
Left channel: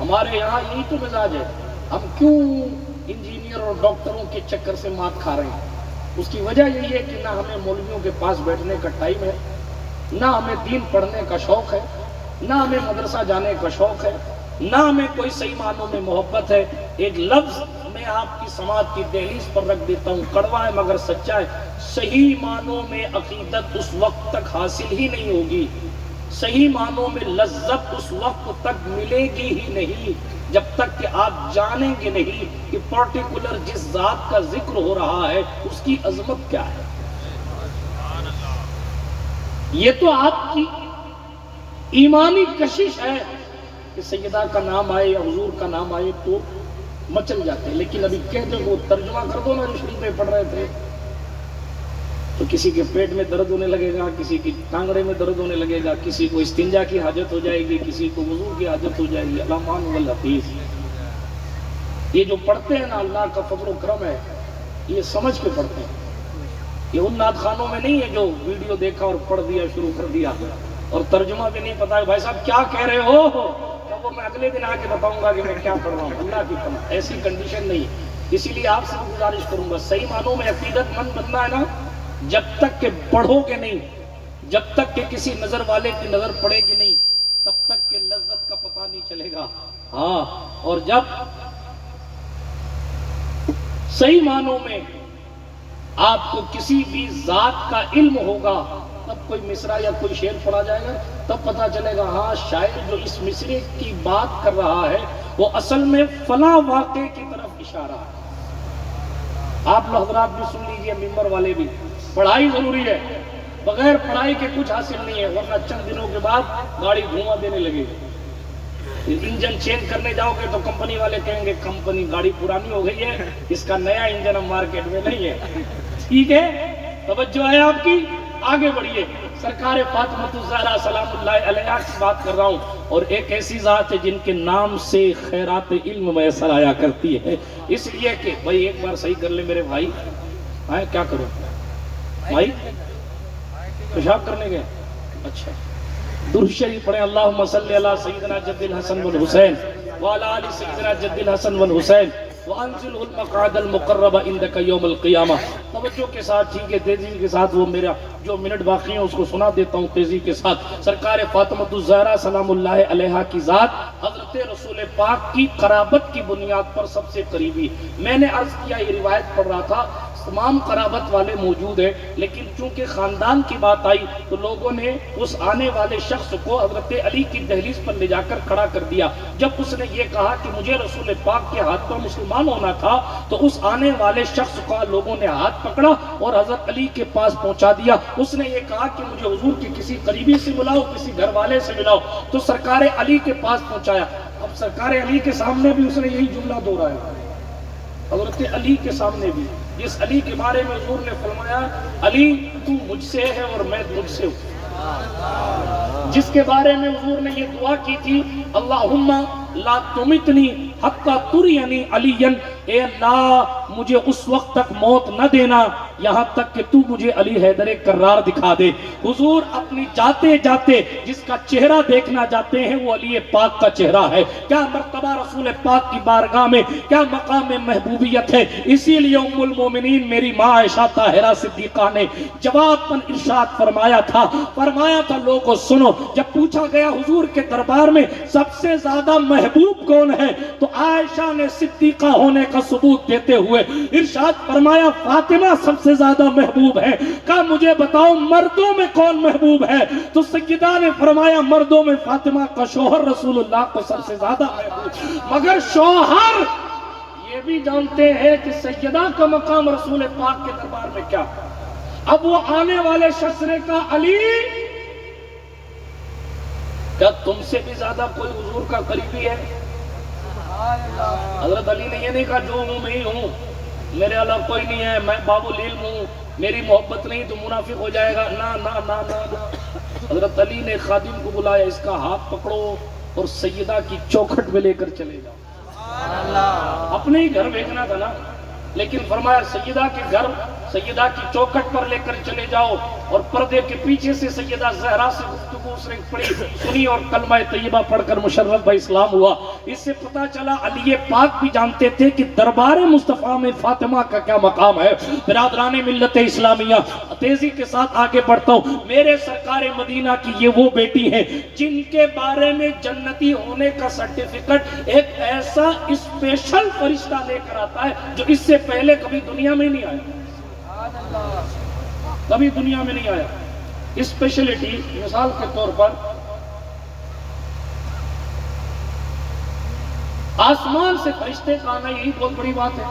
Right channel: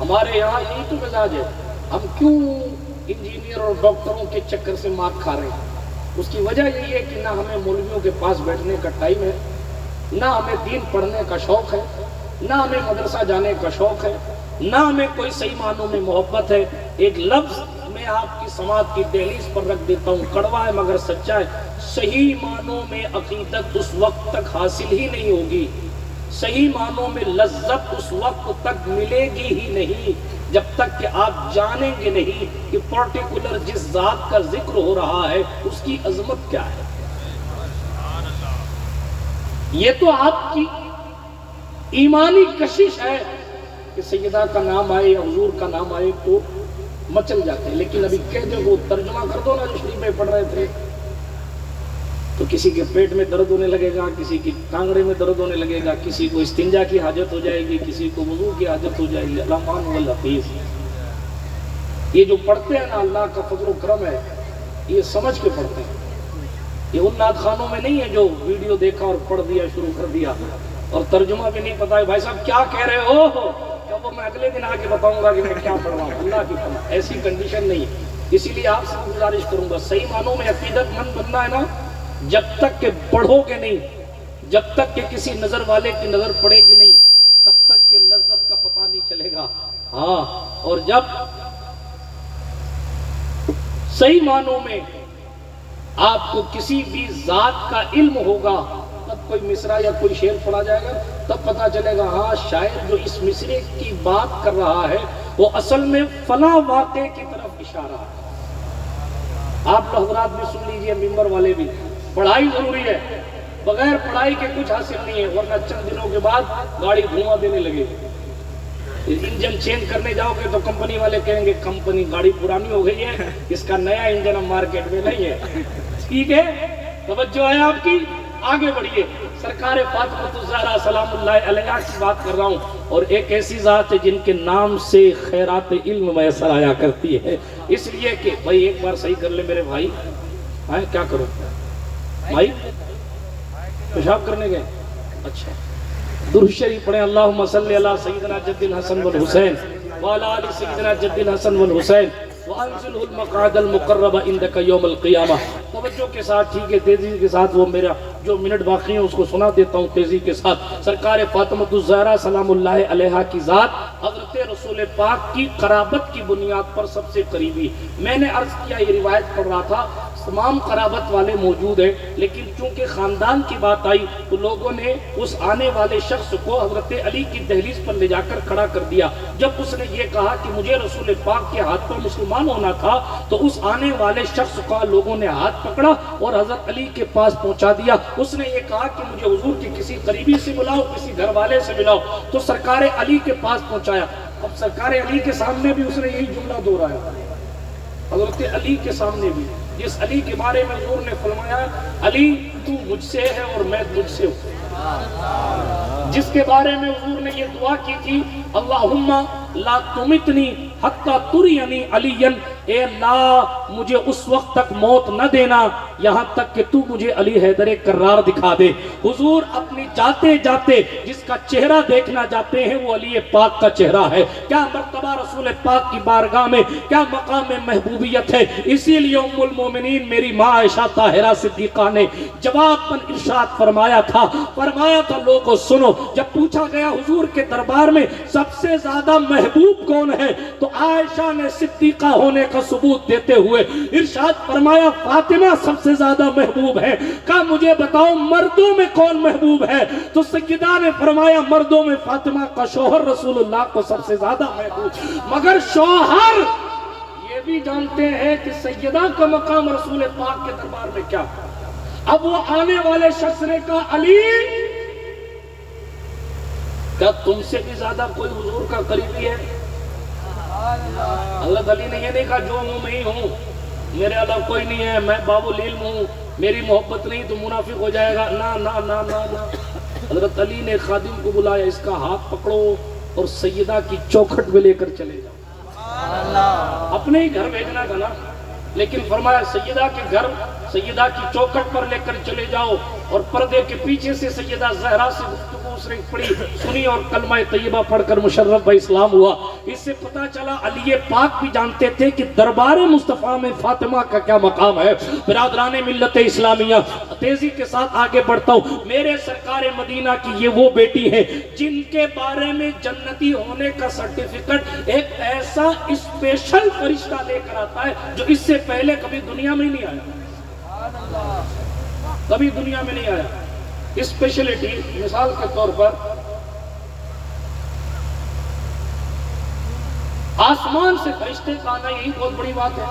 ہمارے یہاں یہی تو مزاج ہے، ہم کیوں انجینئر اور ڈاکٹروں کے چکر سے مات کھا رہے ہیں؟ اس کی وجہ یہی ہے کہ نہ ہمیں مولویوں کے پاس بیٹھنے کا ٹائم ہے، نہ ہمیں دین پڑھنے کا شوق ہے، نہ ہمیں مدرسہ جانے کا شوق ہے، نہ ہمیں کوئی صحیح معنوں میں محبت ہے۔ ایک لفظ میں آپ کی سماعت کی دہلیز پر رکھ دیتا ہوں، کڑوا ہے مگر سچا ہے، صحیح معنوں میں عقیدت اس وقت تک حاصل ہی نہیں ہوگی، صحیح معنوں میں لذت اس وقت تک ملے گی ہی نہیں جب تک کہ آپ جانیں گے نہیں کہ پرٹیکولر جس ذات کا ذکر ہو رہا ہے اس کی عظمت کیا ہے۔ یہ تو آپ کی ایمانی کشش ہے کہ سیدہ کا نام آئے، حضور کا نام آئے تو مچل جاتے ہیں، لیکن ابھی کہہ دیں وہ ترجمہ کر دو نا جو شریف میں پڑھ رہے تھے، تو کسی کے پیٹ میں درد ہونے لگے گا، کسی کی ٹانگڑے میں درد ہونے لگے گا، کسی کو استنجا کی حاجت ہو جائے گی، کسی کو وضو کی حاجت ہو جائے گی۔ الرحمن والحفیظ، یہ جو پڑھتے ہیں نا، اللہ کا فضل و کرم ہے، یہ سمجھ کے پڑھتے ہیں، یہ ان نعت خانوں میں نہیں ہے جو ویڈیو دیکھا اور پڑھ دیا، شروع کر دیا اور ترجمہ بھی نہیں پتا ہے، بھائی صاحب کیا کہہ رہے ہو، وہ میں اگلے دن آ کے بتاؤں گا کہ میں کیا پڑھ رہا ہوں۔ اللہ کی پناہ، ایسی کنڈیشن نہیں ہے۔ اسی لیے آپ سے گزارش کروں گا، صحیح معنوں میں عقیدت مند بننا ہے نا، جب تک کہ پڑھو گے نہیں، جب تک کہ کسی نظر والے کی نظر پڑے گی نہیں، تب تک کہ لذت کا پتہ نہیں چلے گا۔ ہاں، اور جب صحیح معنوں میں آپ کو کسی بھی ذات کا علم ہوگا، تب کوئی مصرع یا کوئی شعر پڑھا جائے گا، تب پتہ چلے گا ہاں شاعر جو اس مصرے کی بات کر رہا ہے وہ اصل میں فلاں واقعے کی طرف اشارہ ہے۔ آپ لوگ حضرات بھی سن لیجئے، ممبر والے بھی، پڑھائی ضروری ہے، بغیر پڑھائی کے کچھ حاصل نہیں ہے، ورنہ چند دنوں کے بعد گاڑی دھواں دینے لگے گی۔ انجن چینج کرنے جاؤ گے تو کمپنی والے کہیں گے کمپنی گاڑی پرانی ہو گئی ہے، اس کا نیا انجن اب مارکیٹ میں نہیں ہے۔ ٹھیک ہے، توجہ ہے آپ کی، آگے بڑھیے۔ سرکار فاطمہ الزہرا سلام اللہ علیہا کی بات کر رہا ہوں، اور ایک ایسی ذات ہے جن کے نام سے خیرات علم میسر آیا کرتی ہے، اس لیے کہ بھائی ایک بار صحیح کر لے میرے بھائی، کیا کروں بھائی، پیشاب کرنے گئے؟ اچھا، درود شریف پڑھیں، اللہم صلی علی سیدنا جد الحسن والحسین وعلی آل سیدنا جد الحسن والحسین وانزلہ المقعد المقرب عندک یوم القیامہ۔ توجہ کے ساتھ، ٹھیک ہے، تیزی کے ساتھ، وہ میرا جو منٹ باقی ہیں اس کو سنا دیتا ہوں تیزی کے ساتھ۔ سرکار فاطمہ الزہرا سلام اللہ علیہا کی ذات حضرت رسول پاک کی قرابت کی بنیاد پر سب سے قریبی۔ میں نے عرض کیا، یہ روایت پڑھ رہا تھا، تمام قرابت والے موجود ہیں، لیکن چونکہ خاندان کی بات آئی تو لوگوں نے اس آنے والے شخص کو حضرت علی کی دہلیز پر لے جا کر کھڑا کر دیا۔ جب اس نے یہ کہا کہ مجھے رسول پاک کے ہاتھ پر مسلمان ہونا تھا، تو اس آنے والے شخص کا لوگوں نے ہاتھ پکڑا اور حضرت علی کے پاس پہنچا دیا۔ اس نے یہ کہا کہ مجھے حضور کے کسی قریبی سے ملاؤ، کسی گھر والے سے ملاؤ، تو سرکار علی کے پاس پہنچایا۔ اب سرکار علی کے سامنے بھی اس نے یہی جملہ دہرایا، حضرت علی کے سامنے بھی، جس علی کے بارے میں حضور نے فرمایا علی تو مجھ سے ہے اور میں تجھ سے ہوں، جس کے بارے میں حضور نے یہ دعا کی تھی اللہم لا تمتنی حتی تریانی علیًا، اے اللہ مجھے اس وقت تک موت نہ دینا یہاں تک کہ تو مجھے علی حیدر کرار دکھا دے۔ حضور اپنی جاتے جاتے جس کا چہرہ دیکھنا جاتے ہیں وہ علی پاک کا چہرہ ہے۔ کیا مرتبہ رسول پاک کی بارگاہ میں، کیا مقام محبوبیت ہے۔ اسی لیے ام المومنین میری ماں عائشہ طاہرہ صدیقہ نے جواب پر ارشاد فرمایا تھا لوگوں سنو، جب پوچھا گیا حضور کے دربار میں سب سے زیادہ محبوب کون ہے تو عائشہ نے صدیقہ ہونے کا ثبوت دیتے ہوئے ارشاد فرمایا فاطمہ سب سے زیادہ محبوب ہے۔ کہا مجھے بتاؤ مردوں میں کون محبوب ہے تو سیدہ نے فرمایا مردوں میں فاطمہ کا شوہر رسول اللہ کو سب سے زیادہ محبوب، مگر شوہر یہ بھی جانتے ہیں کہ سیدہ کا مقام رسول پاک کے دربار میں کیا۔ اب وہ آنے والے شخص نے کہا علی کیا تم سے بھی زیادہ کوئی حضور کا قریبی ہے؟ حضرت علی نے یہ نہیں کہا جو ہوں میں ہی ہوں، میرے علاوہ کوئی نہیں ہے، میں باب العلم ہوں، میری محبت نہیں تو منافق ہو جائے گا، نا نا نا نا نا۔ حضرت علی نے خادم کو بلایا، اس کا ہاتھ پکڑو اور سیدہ کی چوکھٹ میں لے کر چلے گا۔ اپنے ہی گھر بھیجنا تھا نا، لیکن فرمایا سیدہ کے گھر سیدہ کی چوکھٹ پر لے کر چلے جاؤ، اور پردے کے پیچھے سے سیدہ زہرا سے گفتگو اس نے پڑھی سنی اور کلمہ طیبہ پڑھ کر مشرف با اسلام ہوا۔ اس سے پتہ چلا علی پاک بھی جانتے تھے کہ دربار مصطفیٰ میں فاطمہ کا کیا مقام ہے۔ برادران ملت اسلامیہ تیزی کے ساتھ آگے بڑھتا ہوں، میرے سرکار مدینہ کی یہ وہ بیٹی ہے جن کے بارے میں جنتی ہونے کا سرٹیفکیٹ ایک ایسا اسپیشل فرشتہ لے کر آتا ہے جو اس سے پہلے کبھی دنیا میں نہیں آیا، کبھی دنیا میں نہیں آیا۔ اسپیشلٹی مثال کے طور پر آسمان سے فرشتے کا آنا یہی بہت بڑی بات ہے،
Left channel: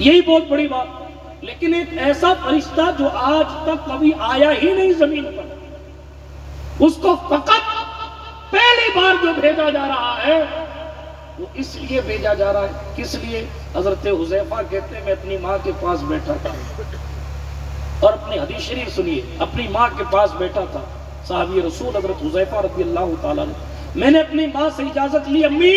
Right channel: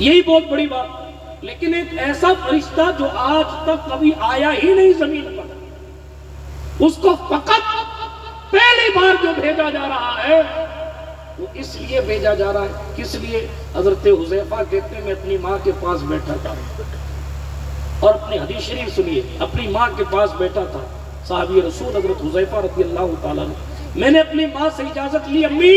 یہی بہت بڑی بات، لیکن ایک ایسا فرشتہ جو آج تک کبھی آیا ہی نہیں زمین پر، اس کو فقط پہلی بار جو بھیجا جا رہا ہے وہ اس لیے بھیجا جا رہا ہے، کس لیے؟ حضرت حذیفہ کہتے ہیں میں اپنی ماں کے پاس بیٹھا تھا، اور اپنی حدیث شریف سنیے، اپنی ماں کے پاس بیٹھا تھا صحابی رسول حضرت حذیفہ رضی اللہ تعالیٰ عنہ، میں نے اپنی ماں سے اجازت لی امی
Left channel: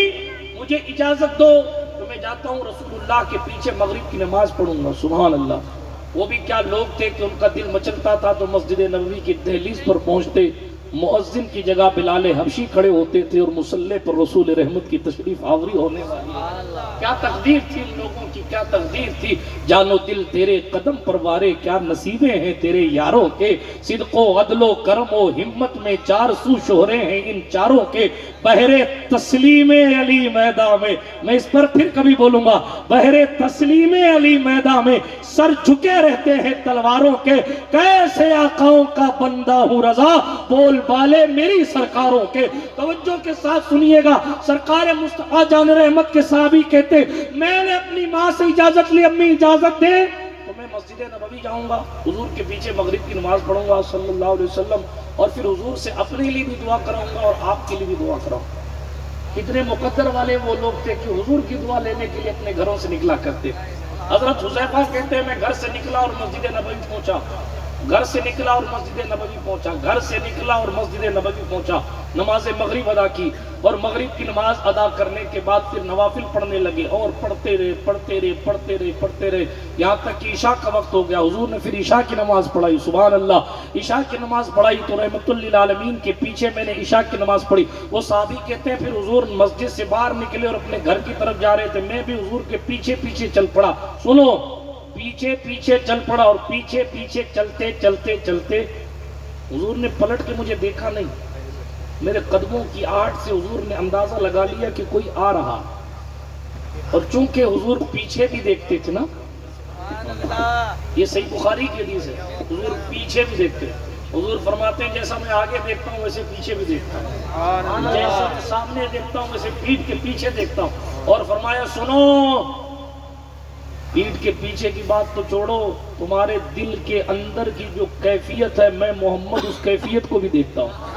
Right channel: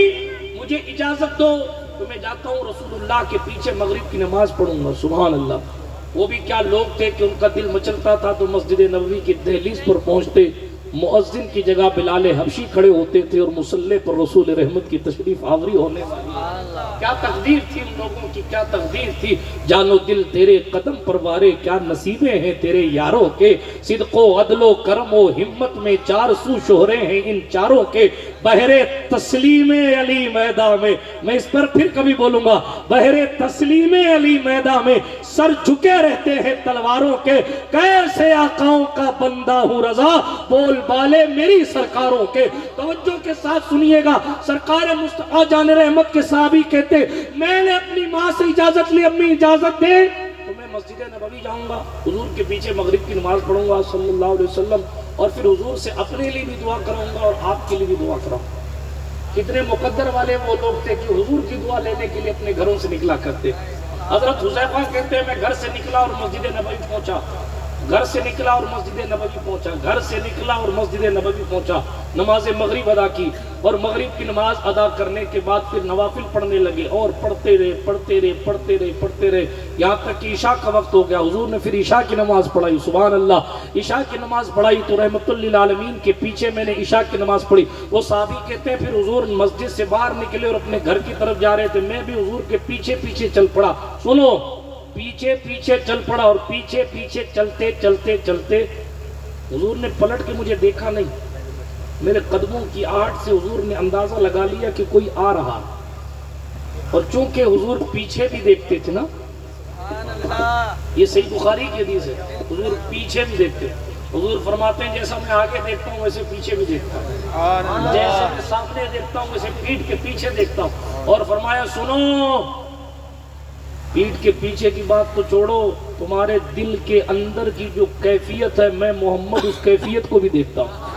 مجھے اجازت دو تو میں جاتا ہوں رسول اللہ کے پیچھے مغرب کی نماز پڑھوں گا۔ سبحان اللہ، وہ بھی کیا لوگ تھے کہ ان کا دل مچلتا تھا تو مسجد نبوی کی دہلیز پر پہنچتے، مؤذن کی جگہ بلال حبشی کھڑے ہوتے تھے اور مصلی پر رسول رحمت کی تشریف آوری ہونے والی۔ کیا تقدیر تھی ان لوگوں کی، کیا تقدیر تھی۔ جان و دل تیرے قدم پروارے، کیا نصیبیں ہیں تیرے یاروں کے، صدق و عدل و کرم و ہمت میں چار سو شہرے ہیں ان چاروں کے، بہر تسلیم علی میدان میں اس پر پھر کبھی بولوں گا، بہر تسلیم علی میدان میں سر جھکے رہتے ہیں تلواروں کے، کیسے آقاؤں کا بندہ ہوں رضا بول بالے میری سرکاروں کے۔ توجہ کے ساتھ سنیے گا، سرکار مصطفیٰ جان رحمت کے صحابی کہتے میں نے اپنی ماں سے اجازت لی امی اجازت دے تو میں مسجد نبوی جاؤں گا، حضور کے پیچھے مغرب کی نماز پڑھوں گا صلی اللہ علیہ وسلم، اور پھر حضور سے اپنے لیے بھی دعا کراؤں گا اور آپ کے لیے بھی دعا کراؤں گا۔ کتنے مقدر والے وہ لوگ تھے کہ حضور کی دعا لینے کے لیے اپنے گھروں سے نکلا کرتے۔ حضرت حذیفہ کہتے ہیں میں گھر سے نکلا اور مسجد نبوی پہنچا، گھر سے نکلا اور مسجد نبوی پہنچا، گھر سے نکلا اور مسجد نبوی پہنچا، نماز مغرب ادا کی، اور مغرب کی نماز ادا کرنے کے بعد پھر نوافل پڑھنے لگے، اور پڑھتے رہے یہاں تک کہ عشاء کا وقت ہو گیا۔ حضور نے پھر عشاء کی نماز پڑھائی، سبحان اللہ، عشاء کی نماز پڑھائی تو رحمت للعالمین کے پیچھے میں نے عشاء کی نماز پڑھی۔ وہ صحابی کہتے ہیں پھر حضور مسجد سے باہر نکلے اور اپنے گھر کی طرف جا رہے تھے، میں بھی حضور کے پیچھے پیچھے چل پڑا۔ سنو، پیچھے پیچھے چل پڑا، اور پیچھے پیچھے چلتے چلتے چلتے حضور نے پلٹ کے مجھے دیکھا نہیں، میرے قدموں کی آہٹ سے حضور نے اندازہ لگا لیا کہ کوئی آ رہا، اور چونکہ حضور پیچھے بھی دیکھتے تھے نا، یہ صحیح بخاری کی حدیث ہے، حضور پیچھے بھی دیکھتے ہیں۔ حضور فرماتے ہیں جیسا میں آگے دیکھتا ہوں ویسے پیچھے بھی دیکھتا ہوں، جیسا میں سامنے دیکھتا ہوں ویسے پیٹھ کے پیچھے دیکھتا ہوں، اور فرمایا سنو، پیٹھ کے پیچھے کی بات تو چھوڑو، تمہارے دل کے اندر کی جو کیفیت ہے میں محمد اس کیفیت کو بھی دیکھتا ہوں۔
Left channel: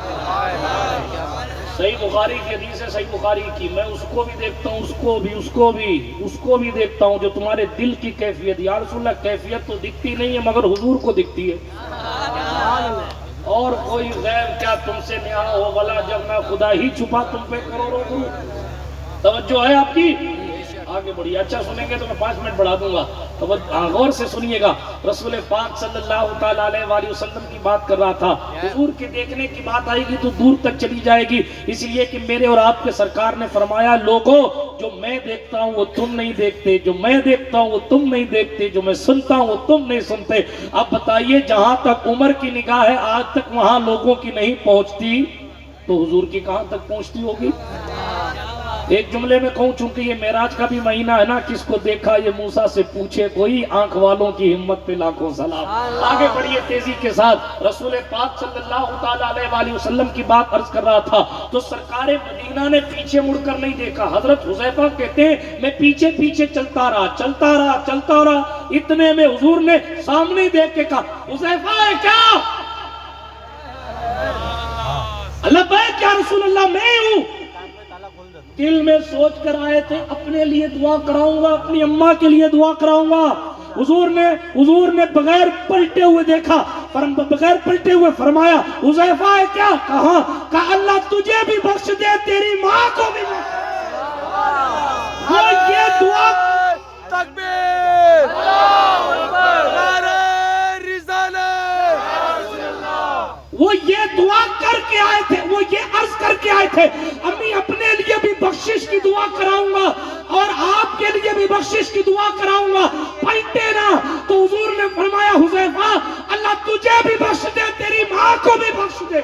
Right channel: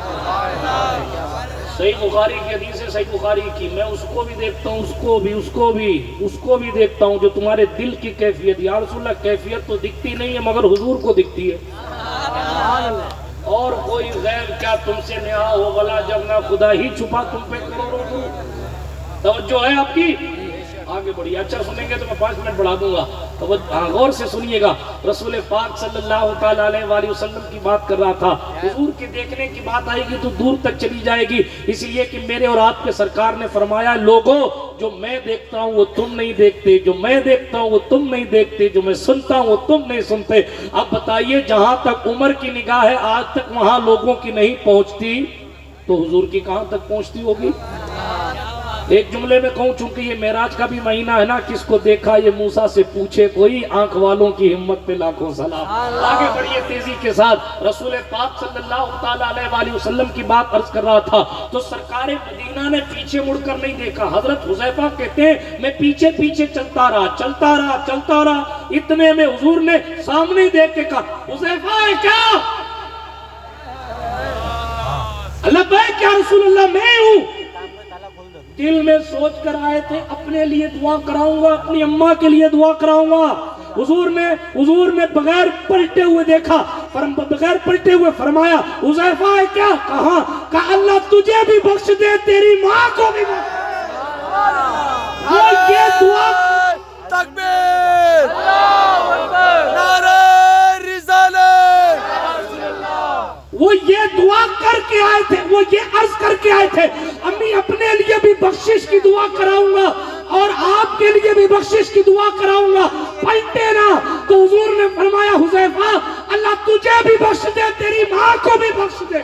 صحیح بخاری کی حدیث ہے، صحیح بخاری کی، میں اس کو بھی دیکھتا ہوں، اس کو بھی دیکھتا ہوں جو تمہارے دل کی کیفیت۔ یا رسول اللہ کیفیت تو دکھتی نہیں ہے مگر حضور کو دکھتی ہے، اور کوئی غیر کیا تم سے نیا ہو بلا، جب نہ خدا ہی چھپا تم پہ کروڑوں دور۔ توجہ ہے آپ کی؟ آگے بڑھیے، اچھا سنیں گے تو میں 5 منٹ بڑھا دوں گا، تو غور سے سنیے گا۔ رسول پاک صلی اللہ تعالیٰ علیہ وسلم کی بات کر رہا تھا، حضور کے دیکھنے کی بات آئے گی تو دور تک چلی جائے گی، اس لیے کہ میرے اور آپ کے سرکار نے فرمایا لوگوں جو میں دیکھتا ہوں وہ تم نہیں دیکھتے، جو میں دیکھتا ہوں وہ تم نہیں دیکھتے، جو میں سنتا ہوں وہ تم نہیں سنتے۔ اب بتائیے جہاں تک عمر کی نگاہ ہے آج تک وہاں لوگوں کی نہیں پہنچتی تو حضور کی کہاں تک پہنچتی ہوگی؟ ایک جملے میں کہوں چونکہ یہ معراج کا بھی مہینہ ہے نا، کس کو دیکھا یہ موسیٰ سے پوچھے کوئی، آنکھ والوں کی ہمت پہ لاکھوں سلام۔ آگے بڑھیے تیزی کے ساتھ، رسول پاک صلی اللہ تعالیٰ علیہ وسلم کی بات عرض کر رہا تھا تو سرکار مدینہ نے پیچھے مڑ کر نہیں دیکھا۔ حضرت حذیفہ کہتے ہیں میں پیچھے پیچھے چلتا رہا، اتنے میں حضور نے سامنے دیکھ کے کہا حذیفہ ہے کیا؟ لبیک یا رسول اللہ میں ہوں۔ دل میں سوچ کر آئے تھے اپنے لیے دعا کراؤں گا، اپنی اماں کے لیے دعا کراؤں گا۔ حضور نے بغیر پلٹے ہوئے دیکھا، بغیر پلٹے ہوئے فرمایا حذیفہ ہے کیا؟ کہا اللہ تجھے بھی بخش دے تیری ماں کو بھی بخش دے۔ یہ دعا تکبیر، اللہ اکبر، نعرہ رسالت، وہ یہ دعا کر کے آئے تھے، وہ یہ عرض کر کے آئے تھے امی اپنے لیے بھی بخشش کی دعا کراؤں گا اور آپ کے لیے بھی بخشش کی دعا کراؤں گا، پلٹے نہ۔ تو حضور نے فرمایا حذیفہ اللہ تجھے بھی بخش دے تیری ماں کو بھی بخش دے۔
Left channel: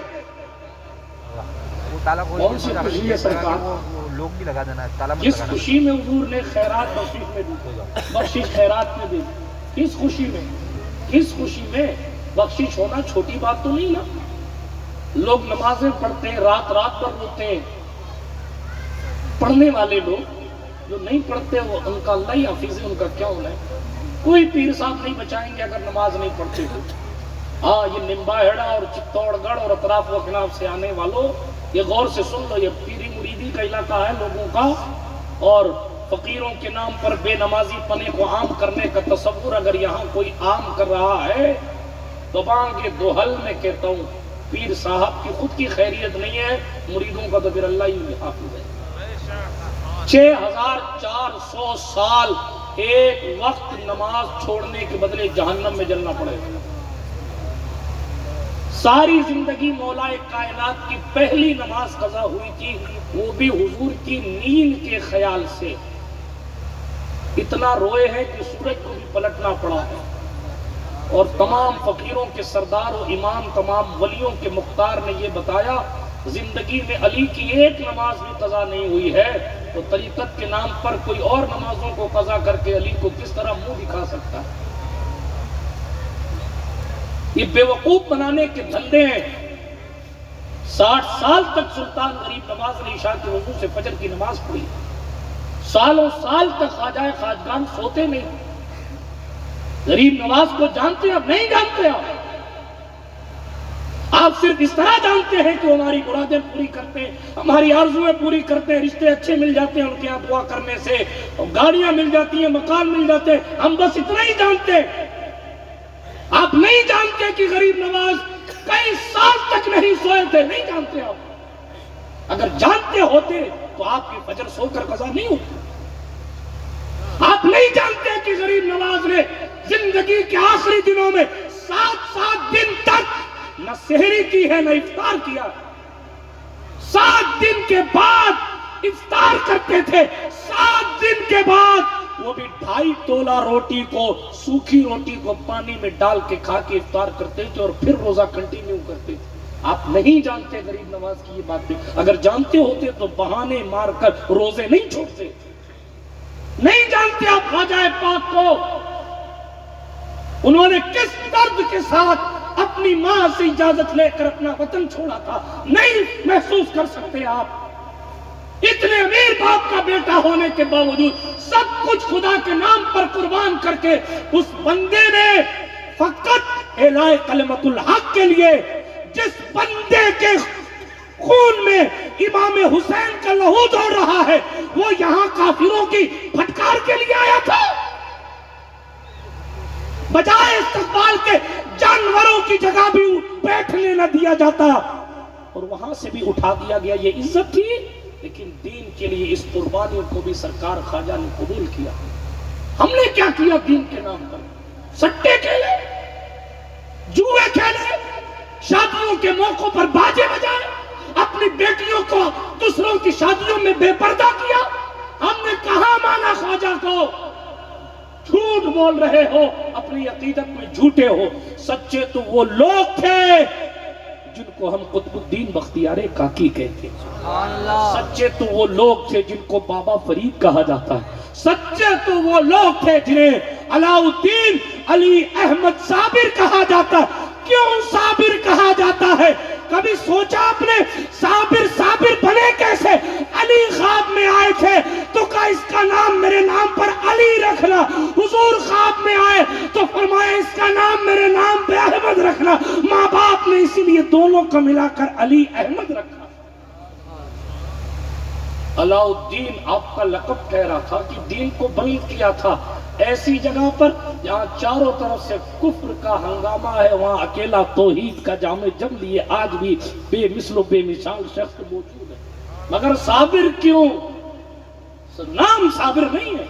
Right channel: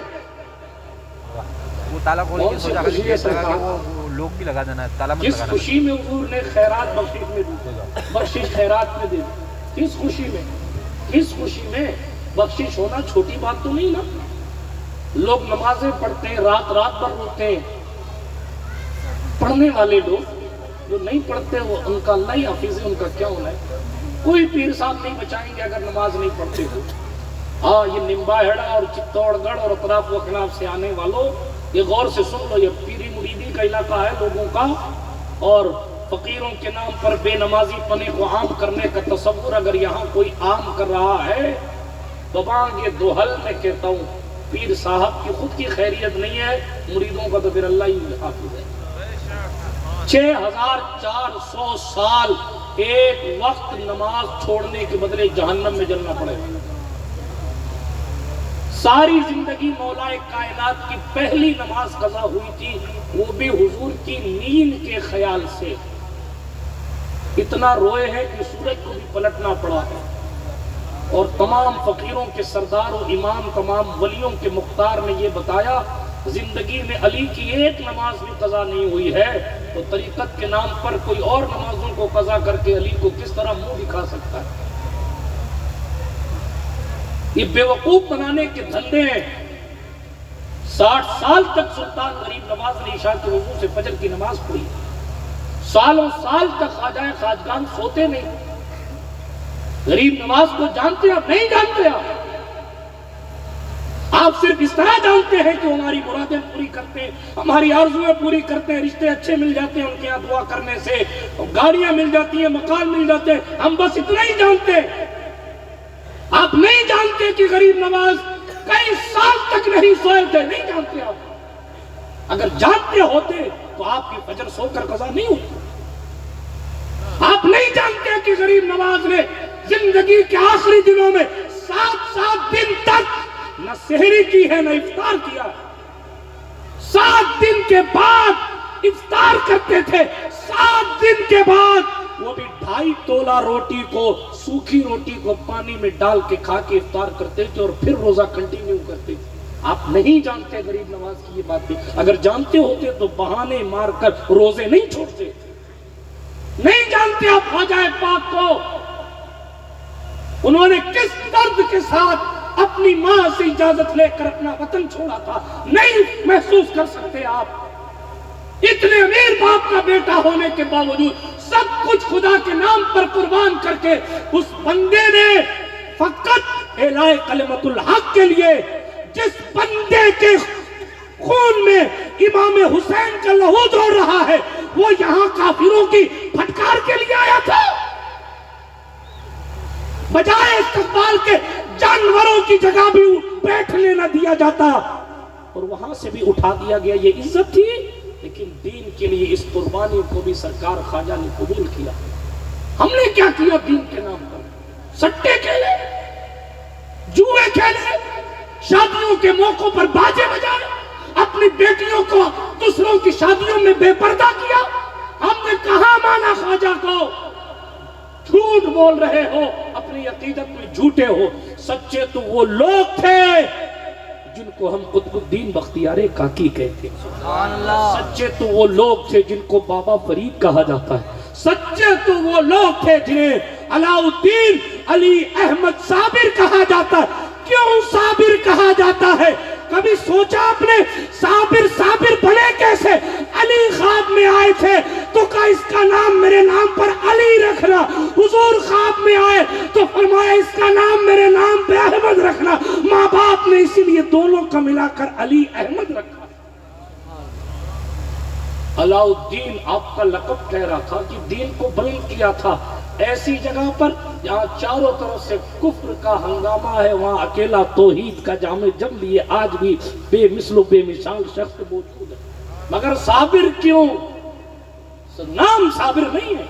کون سی خوشی ہے سرکار؟ لوگ بھی لگا دینا تالا مت جس لگانا۔ خوشی میں حضور نے خیرات بخشش میں دی، بخشش خیرات میں دی، کس خوشی میں؟ کس خوشی میں؟ بخشش ہونا چھوٹی بات تو نہیں نا۔ لوگ نمازیں پڑھتے ہیں، رات رات بھر روتے ہیں، پڑھنے والے لوگ جو نہیں پڑھتے وہ ان کا اللہ ہی حافظ ہے، ان کا کیا ہونا ہے؟ کوئی پیر صاحب نہیں بچائیں گے اگر نماز نہیں پڑھتے ہو۔ ہاں یہ نمبا ہیڑا اور چتوڑ گڑھ اور اطراف و اکناف سے آنے والوں یہ غور سے سن لو، یہ پیری مریدی کا علاقہ ہے لوگوں کا، اور فقیروں کے نام پر بے نمازی پنے کو عام کرنے کا تصور اگر یہاں کوئی عام کر رہا ہے تو باغ دوحل میں کہتا ہوں پیر صاحب کی خود کی خیریت نہیں ہے، مریدوں کا تو پھر اللہ ہی حافظ ہے۔ 6400 سال ایک وقت نماز چھوڑنے کے بدلے جہنم میں جلنا پڑے گا۔ ساری زندگی مولا کائنات کی پہلی نماز قضا ہوئی تھی، وہ بھی حضور کی نیند کے خیال سے۔ اتنا روئے ہیں کہ سورج کو بھی پلٹنا پڑا، اور تمام فقیروں کے سردار و امام، تمام ولیوں کے مختار نے یہ بتایا زندگی میں علی کی ایک نماز بھی قضا نہیں ہوئی ہے، تو طریقت کے نام پر کوئی اور نمازوں کو قضا کر کے علی کو کس طرح منہ دکھا سکتا ہے؟ یہ بے وقوف بنانے کے دھندے ہیں۔ 60 سال تک سلطان غریب نواز نے عشاء کے وضو سے فجر کی نماز پڑھی، سالوں سال تک خواجہ خواجگان سوتے نہیں۔ غریب نواز کو جانتے آپ نہیں جانتے؟ آپ صرف اس طرح جانتے ہیں کہ ہماری مرادیں پوری کرتے ہیں، ہماری آرزویں پوری کرتے ہیں، رشتے اچھے مل جاتے ہیں ان کے یہاں دعا کرنے سے، گاڑیاں مل جاتی ہیں، مکان مل جاتے ہیں، ہم بس اتنا ہی جانتے ہیں۔ آپ نہیں جانتے کہ غریب نواز کئی سال تک نہیں سوئے تھے، نہیں جانتے آپ۔ اگر جانتے ہوتے تو آپ کی فجر سو کر قضا نہیں ہوتی۔ آپ نہیں جانتے کہ غریب نواز نے زندگی کے آخری دنوں میں 7 دن تک نہ سحری کی ہے نہ افطار کیا۔ 7 دن کے بعد افطار کرتے تھے، 7 دن کے بعد وہ بھی 2.5 تولہ روٹی کو، سوکھی روٹی کو پانی میں ڈال کے کھا کے افطار کرتے تھے اور پھر روزہ کنٹینیو کرتے تھے۔ آپ نہیں جانتے غریب نواز کی یہ بات بھی، اگر جانتے ہوتے تو بہانے مار کر روزے نہیں چھوڑتے۔ نہیں جانتے آپ خواجہ پاک کو انہوں نے کس درد کے ساتھ اپنی ماں سے اجازت لے کر اپنا وطن چھوڑا تھا، نہیں محسوس کر سکتے آپ۔ اتنے امیر باپ کا بیٹا ہونے کے باوجود سب کچھ خدا کے نام پر قربان کر کے اس بندے نے فقط اعلاء کلمت الحق کے لیے، جس بندے کے خون میں امام حسین کا لہو دوڑ رہا ہے، وہ یہاں کافروں کی پھٹکار کے لیے آیا تھا۔ بجائے استقبال کے جانوروں کی جگہ بھی بیٹھنے نہ دیا جاتا اور وہاں سے بھی اٹھا دیا گیا۔ یہ عزت تھی؟ لیکن دین کے لیے اس قربانی کو بھی سرکار خواجہ نے قبول کیا. ہم نے کیا کیا دین کے نام پر؟ سٹے کھیلے، جوئے کھیلے، شادیوں کے موقعوں پر باجے بجائے، اپنی بیٹیوں کو دوسروں کی شادیوں میں بے پردہ کیا. ہم نے کہاں مانا خواجہ کو؟ جھوٹ بول رہے ہو، اپنی عقیدت میں جھوٹے ہو. سچے تو وہ لوگ تھے جن کو ہم قطب الدین بختیار کاکی کہتے ہیں. سچے تو وہ لوگ تھے جن کو بابا فرید کہا جاتا ہے. سچے تو وہ لوگ تھے جنہیں علاؤ الدین علی احمد صابر کہا جاتا ہے. کیوں صابر کہا جاتا ہے؟ کبھی سوچا آپ نے صابر بنے کیسے؟ علی خواب میں آئے تھے تو کہا اس کا نام میرے نام پر علی رکھنا. حضور خواب میں آئے تو فرمایا اس کا نام میرے نام پہ احمد رکھنا. ماں باپ نے اسی لیے دونوں کو ملا کر علی احمد رکھا. علاؤ الدین آپ کا لقب ٹھہرا تھا کہ دین کو بلند کیا تھا ایسی جگہ پر جہاں چاروں طرف سے کفر کا ہنگامہ ہے، وہاں اکیلا توحید کا جام جم لیے آج بھی بے مثل و بے مثال شخص موجود ہے. مگر صابر کیوں؟ نام صابر نہیں ہے،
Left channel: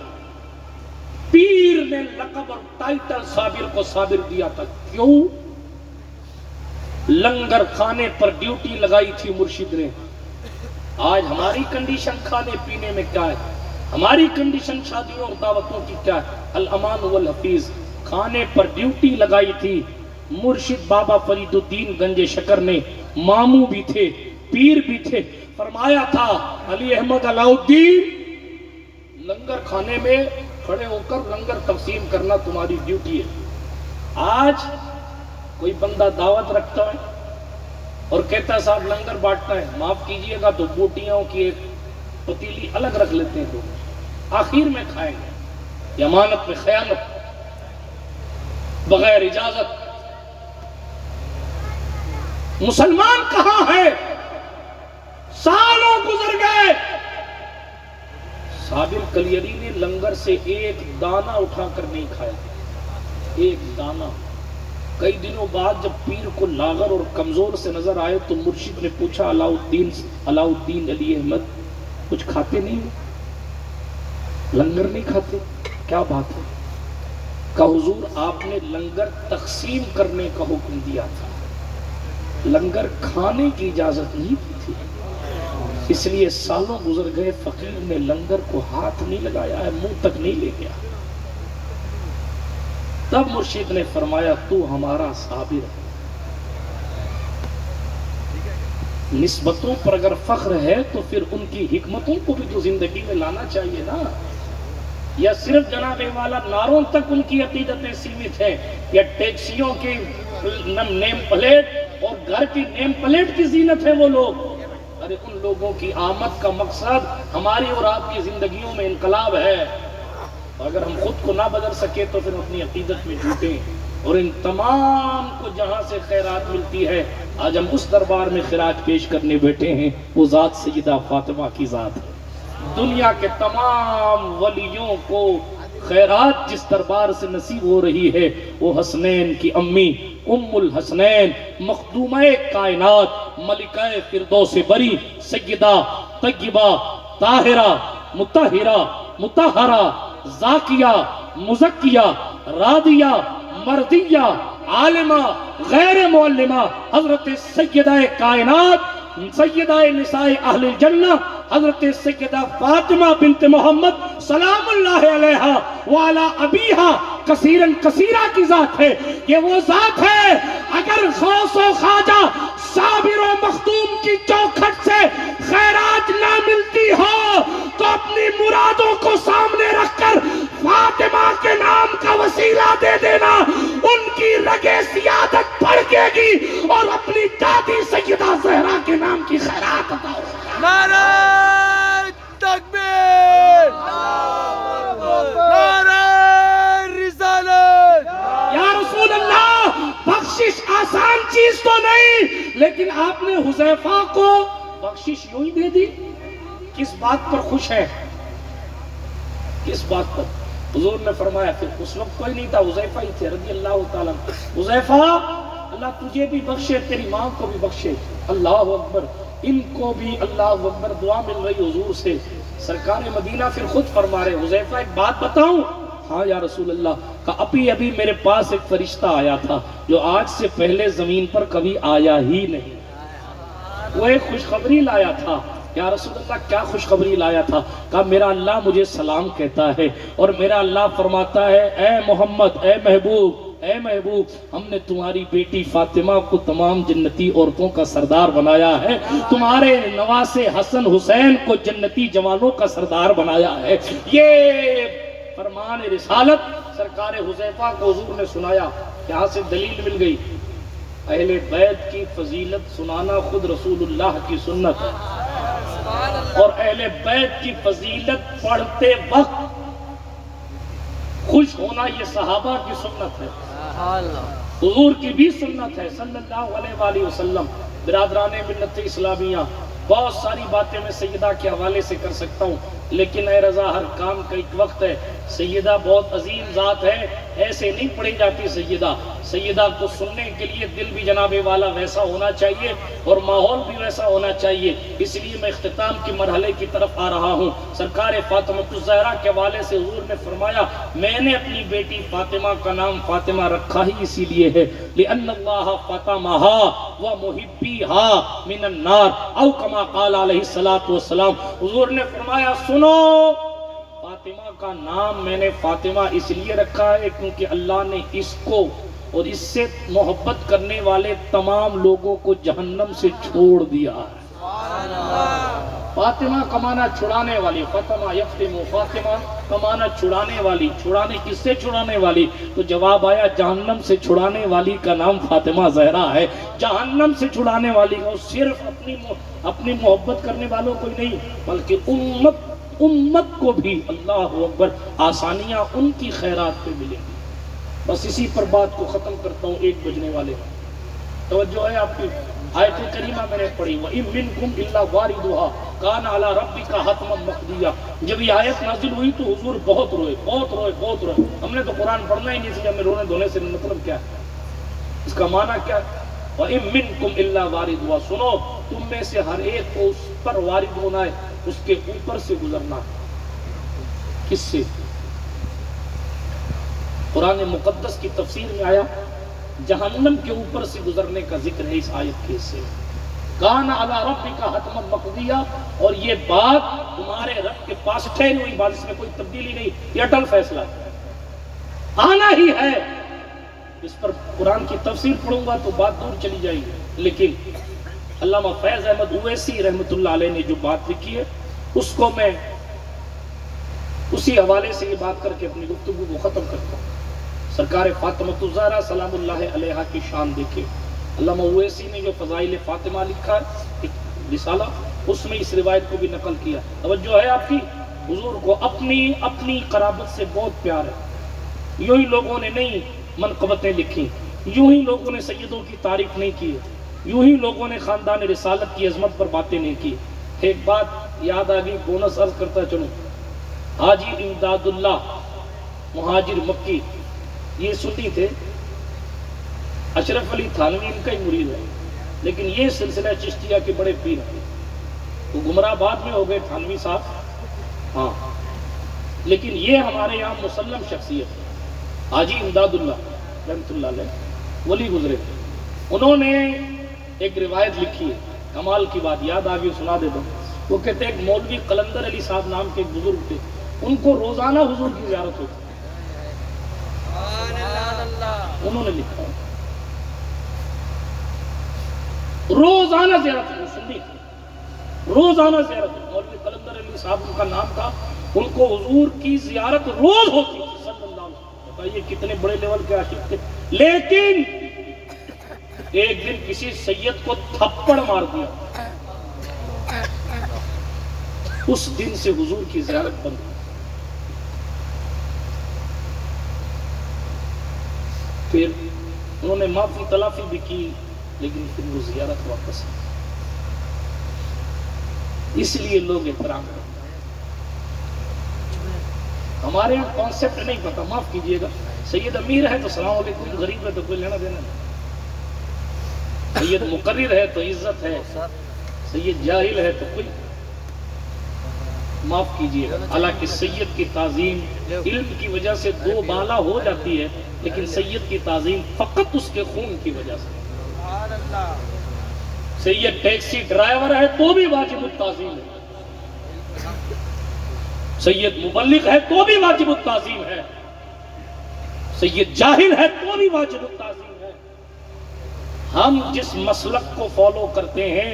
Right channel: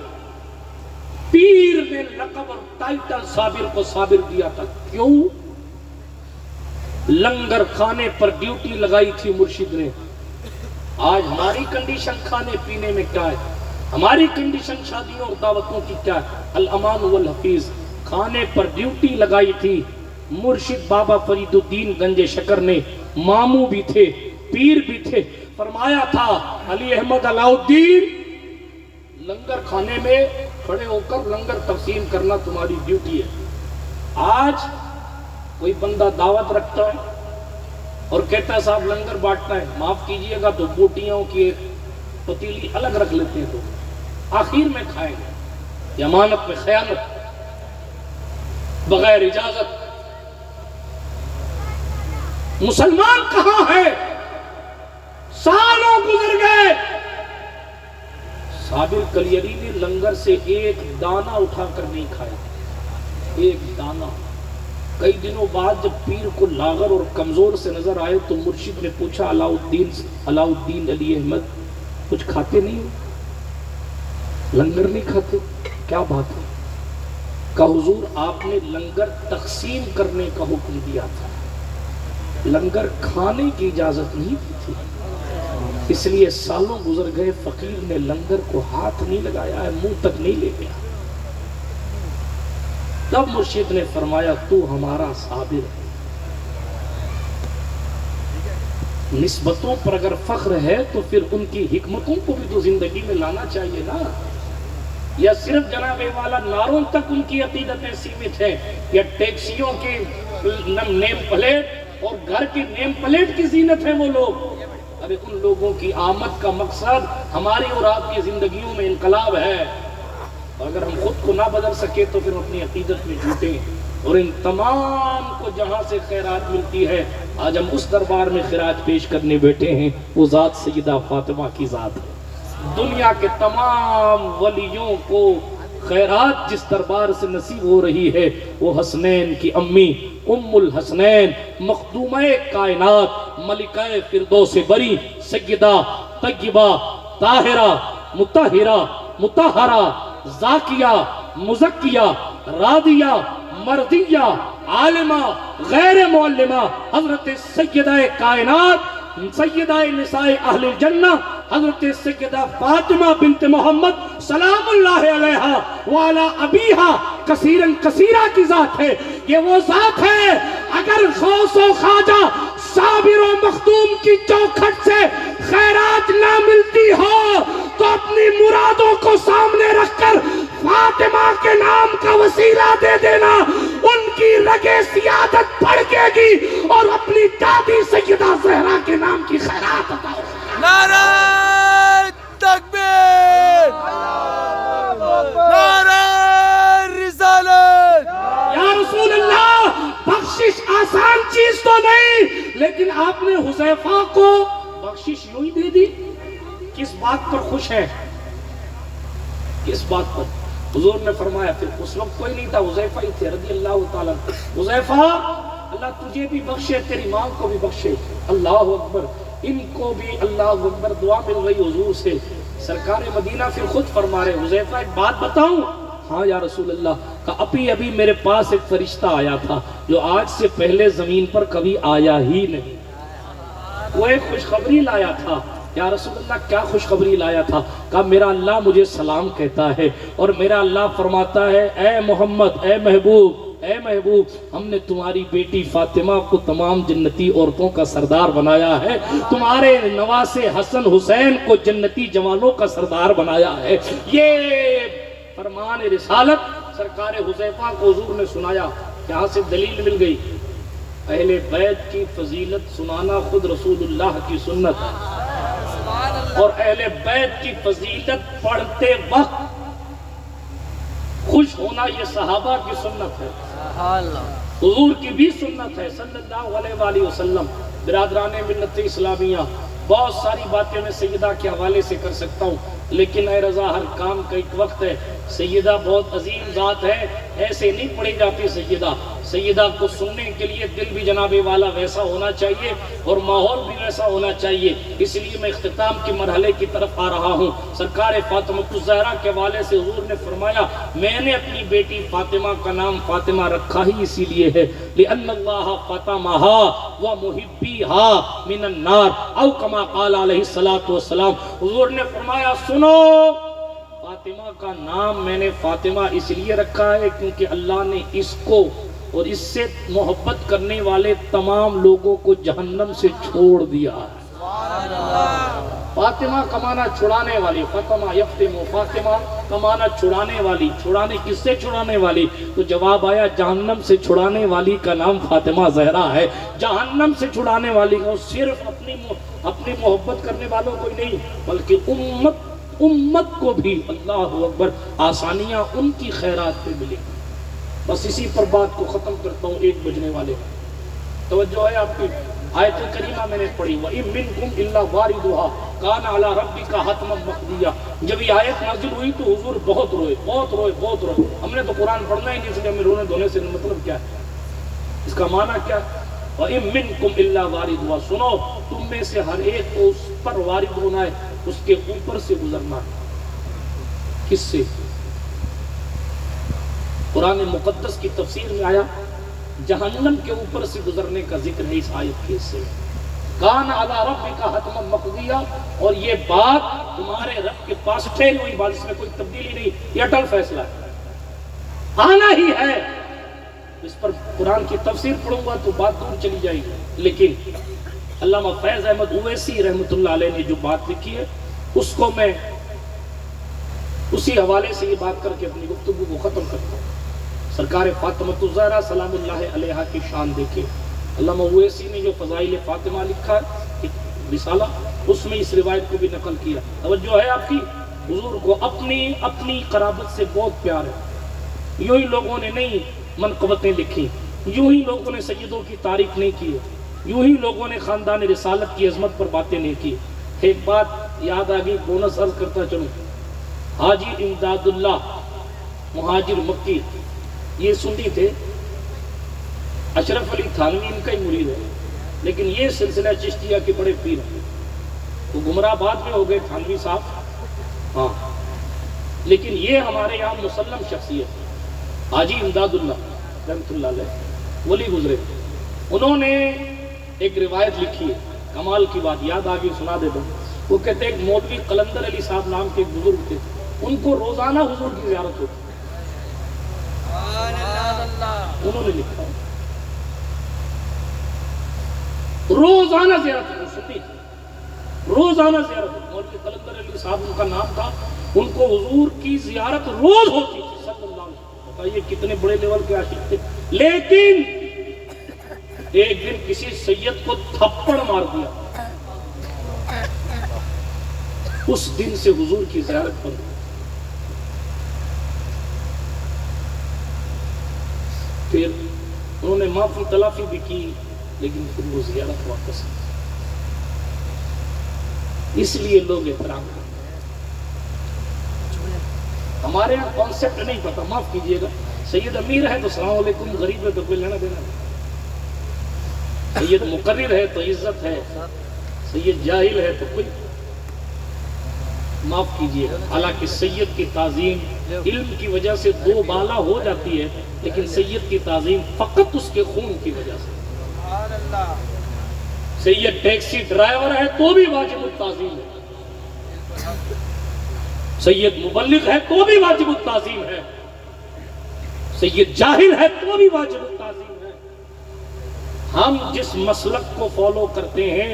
پیر نے لقب اور ٹائٹل صابر کو صابر دیا تھا. کیوں؟ لنگر کھانے پر ڈیوٹی لگائی تھی مرشد نے. آج ہماری کنڈیشن کھانے پینے میں کیا ہے؟ ہماری کنڈیشن شادیوں اور دعوتوں کی کیا ہے؟ الامان والحفیظ. کھانے پر ڈیوٹی لگائی تھی مرشد بابا فرید الدین گنج شکر نے. ماموں بھی تھے، پیر بھی تھے. فرمایا تھا علی احمد علاؤ الدین، لنگر کھانے میں کھڑے ہو کر لنگر تقسیم کرنا تمہاری ڈیوٹی ہے. آج کوئی بندہ دعوت رکھتا ہے اور کہتا ہے صاحب لنگر بانٹنا ہے، معاف کیجئے گا تو بوٹیوں کی ایک پتیلی الگ رکھ لیتے ہیں، تو آخر میں کھائیں گے. امانت میں خیانت، بغیر اجازت. مسلمان کہاں ہے؟ سالوں گزر گئے. صابر کلیری نے لنگر سے ایک دانہ اٹھا کر نہیں کھایا، ایک دانہ. کئی دنوں بعد جب پیر کو لاغر اور کمزور سے نظر آئے تو مرشد نے پوچھا علاؤ الدین علی احمد کچھ کھاتے نہیں ہو؟ لنگر نہیں کھاتے؟ کیا بات ہے؟ کہ حضور آپ نے لنگر تقسیم کرنے کا حکم دیا تھا، لنگر کھانے کی اجازت نہیں دی تھی. اس لیے سالوں گزر گئے، فقیر نے لنگر کو ہاتھ نہیں لگایا ہے، منہ تک نہیں لے گیا. تب مرشد نے فرمایا تو ہمارا صابر ہے. نسبتوں پر اگر فخر ہے تو پھر ان کی حکمتوں کو بھی تو زندگی میں لانا چاہیے نا. یا صرف جناب والا نعروں تک ان کی عقیدتیں سیمت ہیں، یا ٹیکسیوں کی نیم پلیٹ اور گھر کی نیم پلیٹ کی زینت ہے وہ لوگ. ارے ان لوگوں کی آمد کا مقصد ہماری اور آپ کی زندگیوں میں انقلاب ہے. اگر ہم خود کو نہ بدل سکے تو پھر اپنی عقیدت میں جھوٹیں. اور ان تمام کو جہاں سے خیرات ملتی ہے، آج ہم اس دربار میں خراج پیش کرنے بیٹھے ہیں، وہ ذات سیدہ فاطمہ کی ذات ہے. دنیا کے تمام ولیوں کو خیرات جس دربار سے نصیب ہو رہی ہے وہ حسنین کی امی ام الحسنین مخدومہ کائنات ملکہ فردوس بری سیدہ طیبہ طاہرہ مطہرہ مطہرہ زاکیہ مزکیہ راضیہ مرضیہ عالمہ غیر معلمہ حضرت سیدہ کائنات سیدہ نساء اہل الجنہ حضرت سیدہ فاطمہ بنت محمد سلام اللہ علیہا وعلی ابیہا کثیراً کثیرہ کی ذات ہے. یہ وہ ذات ہے اگر غوث و خواجہ صابر و مخدوم کی چوکھٹ سے خیرات نہ ملتی ہو تو اپنی مرادوں کو سامنے رکھ کر فاطمہ کے نام کا وسیلہ دے دینا. ان کی رگے سیادت بھڑکے گی اور اپنی دادی سیدہ زہرا کے نام کی خیرات عطا ہوگی. نعرہ تکبیر، نعرہ رسالت. یا رسول اللہ، بخشش آسان چیز تو نہیں، لیکن آپ نے حذیفہ کو بخشش یوں ہی دے دی. کس بات پر خوش ہے؟ کس بات پر؟ حضور نے فرمایا پھر اس وقت کوئی نہیں تھا، حذیفہ ہی تھے رضی اللہ تعالیٰ. حذیفہ اللہ تجھے بھی بخشے، تیری ماں کو بھی بخشے. اللہ اکبر. ان کو بھی اللہ اکبر دعا مل رہی حضور سے. سرکار مدینہ پھر خود فرما رہے حذیفہ ایک بات بتاؤں؟ ہاں یا رسول اللہ. کہا ابھی میرے پاس ایک فرشتہ آیا تھا جو آج سے پہلے زمین پر کبھی آیا ہی نہیں. وہ ایک خوشخبری لایا تھا. یا رسول اللہ کیا خوشخبری لایا تھا؟ کہا میرا اللہ مجھے سلام کہتا ہے اور میرا اللہ فرماتا ہے اے محمد، اے محبوب، ہم نے تمہاری بیٹی فاطمہ کو تمام جنتی عورتوں کا سردار بنایا ہے، تمہارے نواسے حسن حسین کو جنتی جوانوں کا سردار بنایا ہے. یہ فرمان رسالت سرکار حذیفہ کو حضور نے سنایا. یہاں سے دلیل مل گئی اہل بیت کی فضیلت سنانا خود رسول اللہ کی سنت ہے، اور اہل بیت کی فضیلت پڑھتے وقت خوش ہونا یہ صحابہ کی سنت ہے، حضور کی بھی سنت ہے صلی اللہ علیہ وآلہ وسلم. برادران ملت اسلامیہ، بہت ساری باتیں میں سیدہ کے حوالے سے کر سکتا ہوں، لیکن اے رضا ہر کام کا ایک وقت ہے. سیدہ بہت عظیم ذات ہے، ایسے نہیں پڑھی جاتی سیدہ. سیدہ کو سننے کے لیے دل بھی جناب والا ویسا ہونا چاہیے اور ماحول بھی ویسا ہونا چاہیے. اس لیے میں اختتام کی مرحلے کی طرف آ رہا ہوں. سرکار فاطمہ الزہرا کے حوالے سے حضور نے فرمایا میں نے اپنی بیٹی فاطمہ کا نام فاطمہ رکھا ہی اسی لیے ہے لِأَنَّ اللَّهَ فَاطَمَهَا وَمُحِبِّهَا مِنَ النَّارِ او کما قال علیہ الصلوۃ والسلام. حضور نے فرمایا سنو، فاطمہ کا نام میں نے فاطمہ اس لیے رکھا ہے کیونکہ اللہ نے اس کو اور اس سے محبت کرنے والے تمام لوگوں کو جہنم سے چھوڑ دیا. فاطمہ کمانا چھڑانے والی، فاطمہ یفتم، فاطمہ کمانا چھڑانے والی. چھڑانے کس سے چھڑانے والی؟ تو جواب آیا جہنم سے چھڑانے والی کا نام فاطمہ زہرا ہے. جہنم سے چھڑانے والی کو صرف اپنی محبت کرنے والوں کو نہیں بلکہ امت کو بھی اللہ اکبر آسانیاں ان کی خیرات پہ ملیں گی. بس اسی پر بات کو ختم کرتا ہوں. 1 بجنے والے توجہ ہے آپ کی. آیت کریمہ میں نے پڑھی وَإِن مِّنكُمْ إِلَّا وَارِدُهَا كَانَ عَلَىٰ رَبِّكَ حَتْمًا مَّقْضِيًّا. جب یہ آیت نازل ہوئی تو حضور بہت روئے. ہم نے تو قرآن پڑھنا ہی نہیں سکا. ہمیں رونے دھونے سے مطلب کیا ہے؟ اس کا معنی کیا ہے؟ وَإِن مِّنكُمْ إِلَّا وَارِدُهَا. سنو، تم میں سے ہر ایک کو اس پر وارد ہونا ہے، اس کے اوپر سے گزرنا ہے. کس سے؟ قرآن مقدس کی تفسیر میں آیا جہنم کے اوپر سے گزرنے کا ذکر ہے اس آیت کے حصے میں. کان علی ربک حتما مقضیہ. اور یہ بات تمہارے رب کے پاس ٹھہری ہوئی بات، اس میں کوئی تبدیلی نہیں، یہ اٹل فیصلہ آنا ہی ہے. اس پر قرآن کی تفسیر پڑھوں گا تو بات دور چلی جائے گی، لیکن علامہ فیض احمد اویسی رحمۃ اللہ علیہ نے جو بات لکھی ہے اس کو میں اسی حوالے سے یہ بات کر کے اپنی گفتگو کو ختم کرتا ہوں. سرکار فاطمہ الزہرا سلام اللہ علیہا کی شان دیکھیں. علامہ اویسی نے جو فضائل فاطمہ لکھا ایک رسالہ، اس میں اس روایت کو بھی نقل کیا. توجہ ہے آپ کی. حضور کو اپنی قرابت سے بہت پیار ہے. یوں ہی لوگوں نے نہیں منقبتیں لکھی، یوں ہی لوگوں نے سیدوں کی تعریف نہیں کی، یوں ہی لوگوں نے خاندان رسالت کی عظمت پر باتیں نہیں کی. ایک بات یاد آ گئی، بونس عرض کرتا چلوں. حاجی امداد اللہ مہاجر مکی یہ سنی تھے. اشرف علی تھانوی ان کا ہی مرید ہے، لیکن یہ سلسلہ چشتیہ کے بڑے پیر ہیں. وہ گمراہ بعد میں ہو گئے تھانوی صاحب، ہاں، لیکن یہ ہمارے یہاں مسلم شخصیت ہے. حاجی امداد اللہ رحمۃ اللہ علیہ ولی گزرے. انہوں نے ایک روایت لکھی ہے، کمال کی بات یاد آ گئی، سنا دے دو. وہ کہتے ہیں ایک مولوی قلندر علی صاحب نام کے ایک بزرگ تھے، ان کو روزانہ حضور کی زیارت ہوتی. انہوں نے لکھا روزانہ زیارت ہوتی، روزانہ زیارت ہوتی. مولوی قلندر علی صاحب ان کا نام تھا. ان کو حضور کی زیارت روز ہوتی تھی صلی اللہ علیہ وسلم. بتائیے کتنے بڑے لیول کے عاشق تھے. لیکن ایک دن کسی سید کو تھپڑ مار دیا، اس دن سے حضور کی زیارت بند. پھر انہوں نے معافی تلافی بھی کی، لیکن پھر وہ زیارت واپس. اس لیے لوگ احترام کرتے. ہمارے یہاں کانسیپٹ نہیں پتا، معاف کیجئے گا. سید امیر ہے تو السلام علیکم، غریب ہے تو کوئی لینا دینا نہیں. سید مقرر ہے تو عزت ہے، سید جاہل ہے تو کوئی معاف کیجیے گا، حالانکہ سید کی تعظیم علم کی وجہ سے دو بالا ہو جاتی ہے، لیکن سید کی تعظیم فقط اس کے خون کی وجہ سے۔ سید ٹیکسی ڈرائیور ہے تو بھی واجب التعظیم ہے، سید مبلغ ہے تو بھی واجب التعظیم ہے، سید جاہل ہے تو بھی واجب التعظیم ہے۔ ہم جس مسلک کو فالو کرتے ہیں،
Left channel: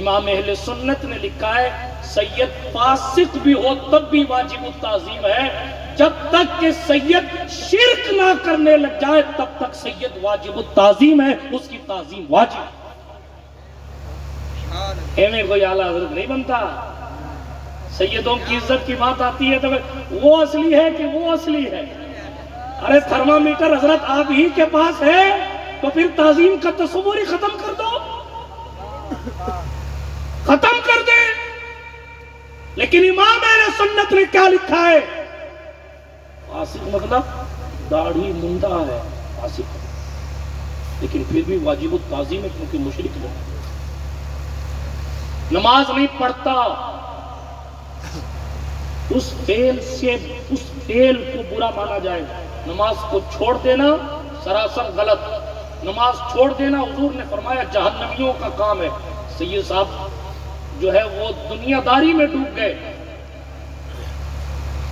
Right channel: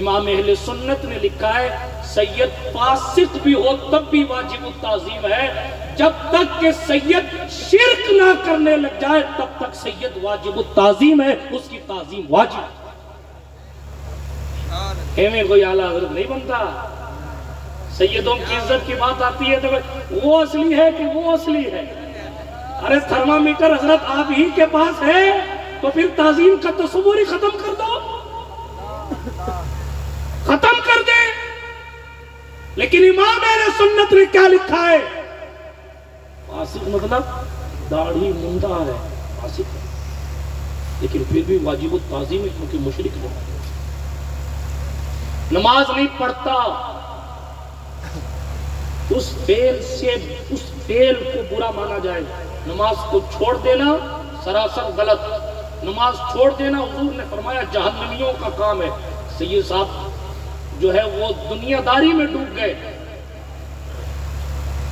امام اہل سنت نے لکھا ہے سید فاسق بھی ہو تب بھی واجب التعظیم ہے، جب تک کہ سید شرک نہ کرنے لگ جائے تب تک سید واجب التعظیم ہے، اس کی تعظیم واجب۔ ایویں کوئی اعلیٰ حضرت نہیں بنتا۔ سیدوں کی عزت کی بات آتی ہے تو وہ اصلی ہے کہ وہ اصلی ہے؟ ارے تھرمامیٹر حضرت آپ ہی کے پاس ہے تو پھر تعظیم کا تصور ہی ختم کر دو، ختم کر دے۔ لیکن امام اہل سنت نے کیا لکھا ہے؟ فاسق مطلب داڑھی منڈا ہے فاسق، لیکن پھر بھی واجب التعظیم ہے کیونکہ مشرک لوگ، نماز نہیں پڑھتا، اس فعل کو برا مانا جائے گا۔ نماز کو چھوڑ دینا سراسر غلط، نماز چھوڑ دینا حضور نے فرمایا جہنمیوں کا کام ہے۔ سید صاحب جو ہے وہ دنیا داری میں ڈوب گئے،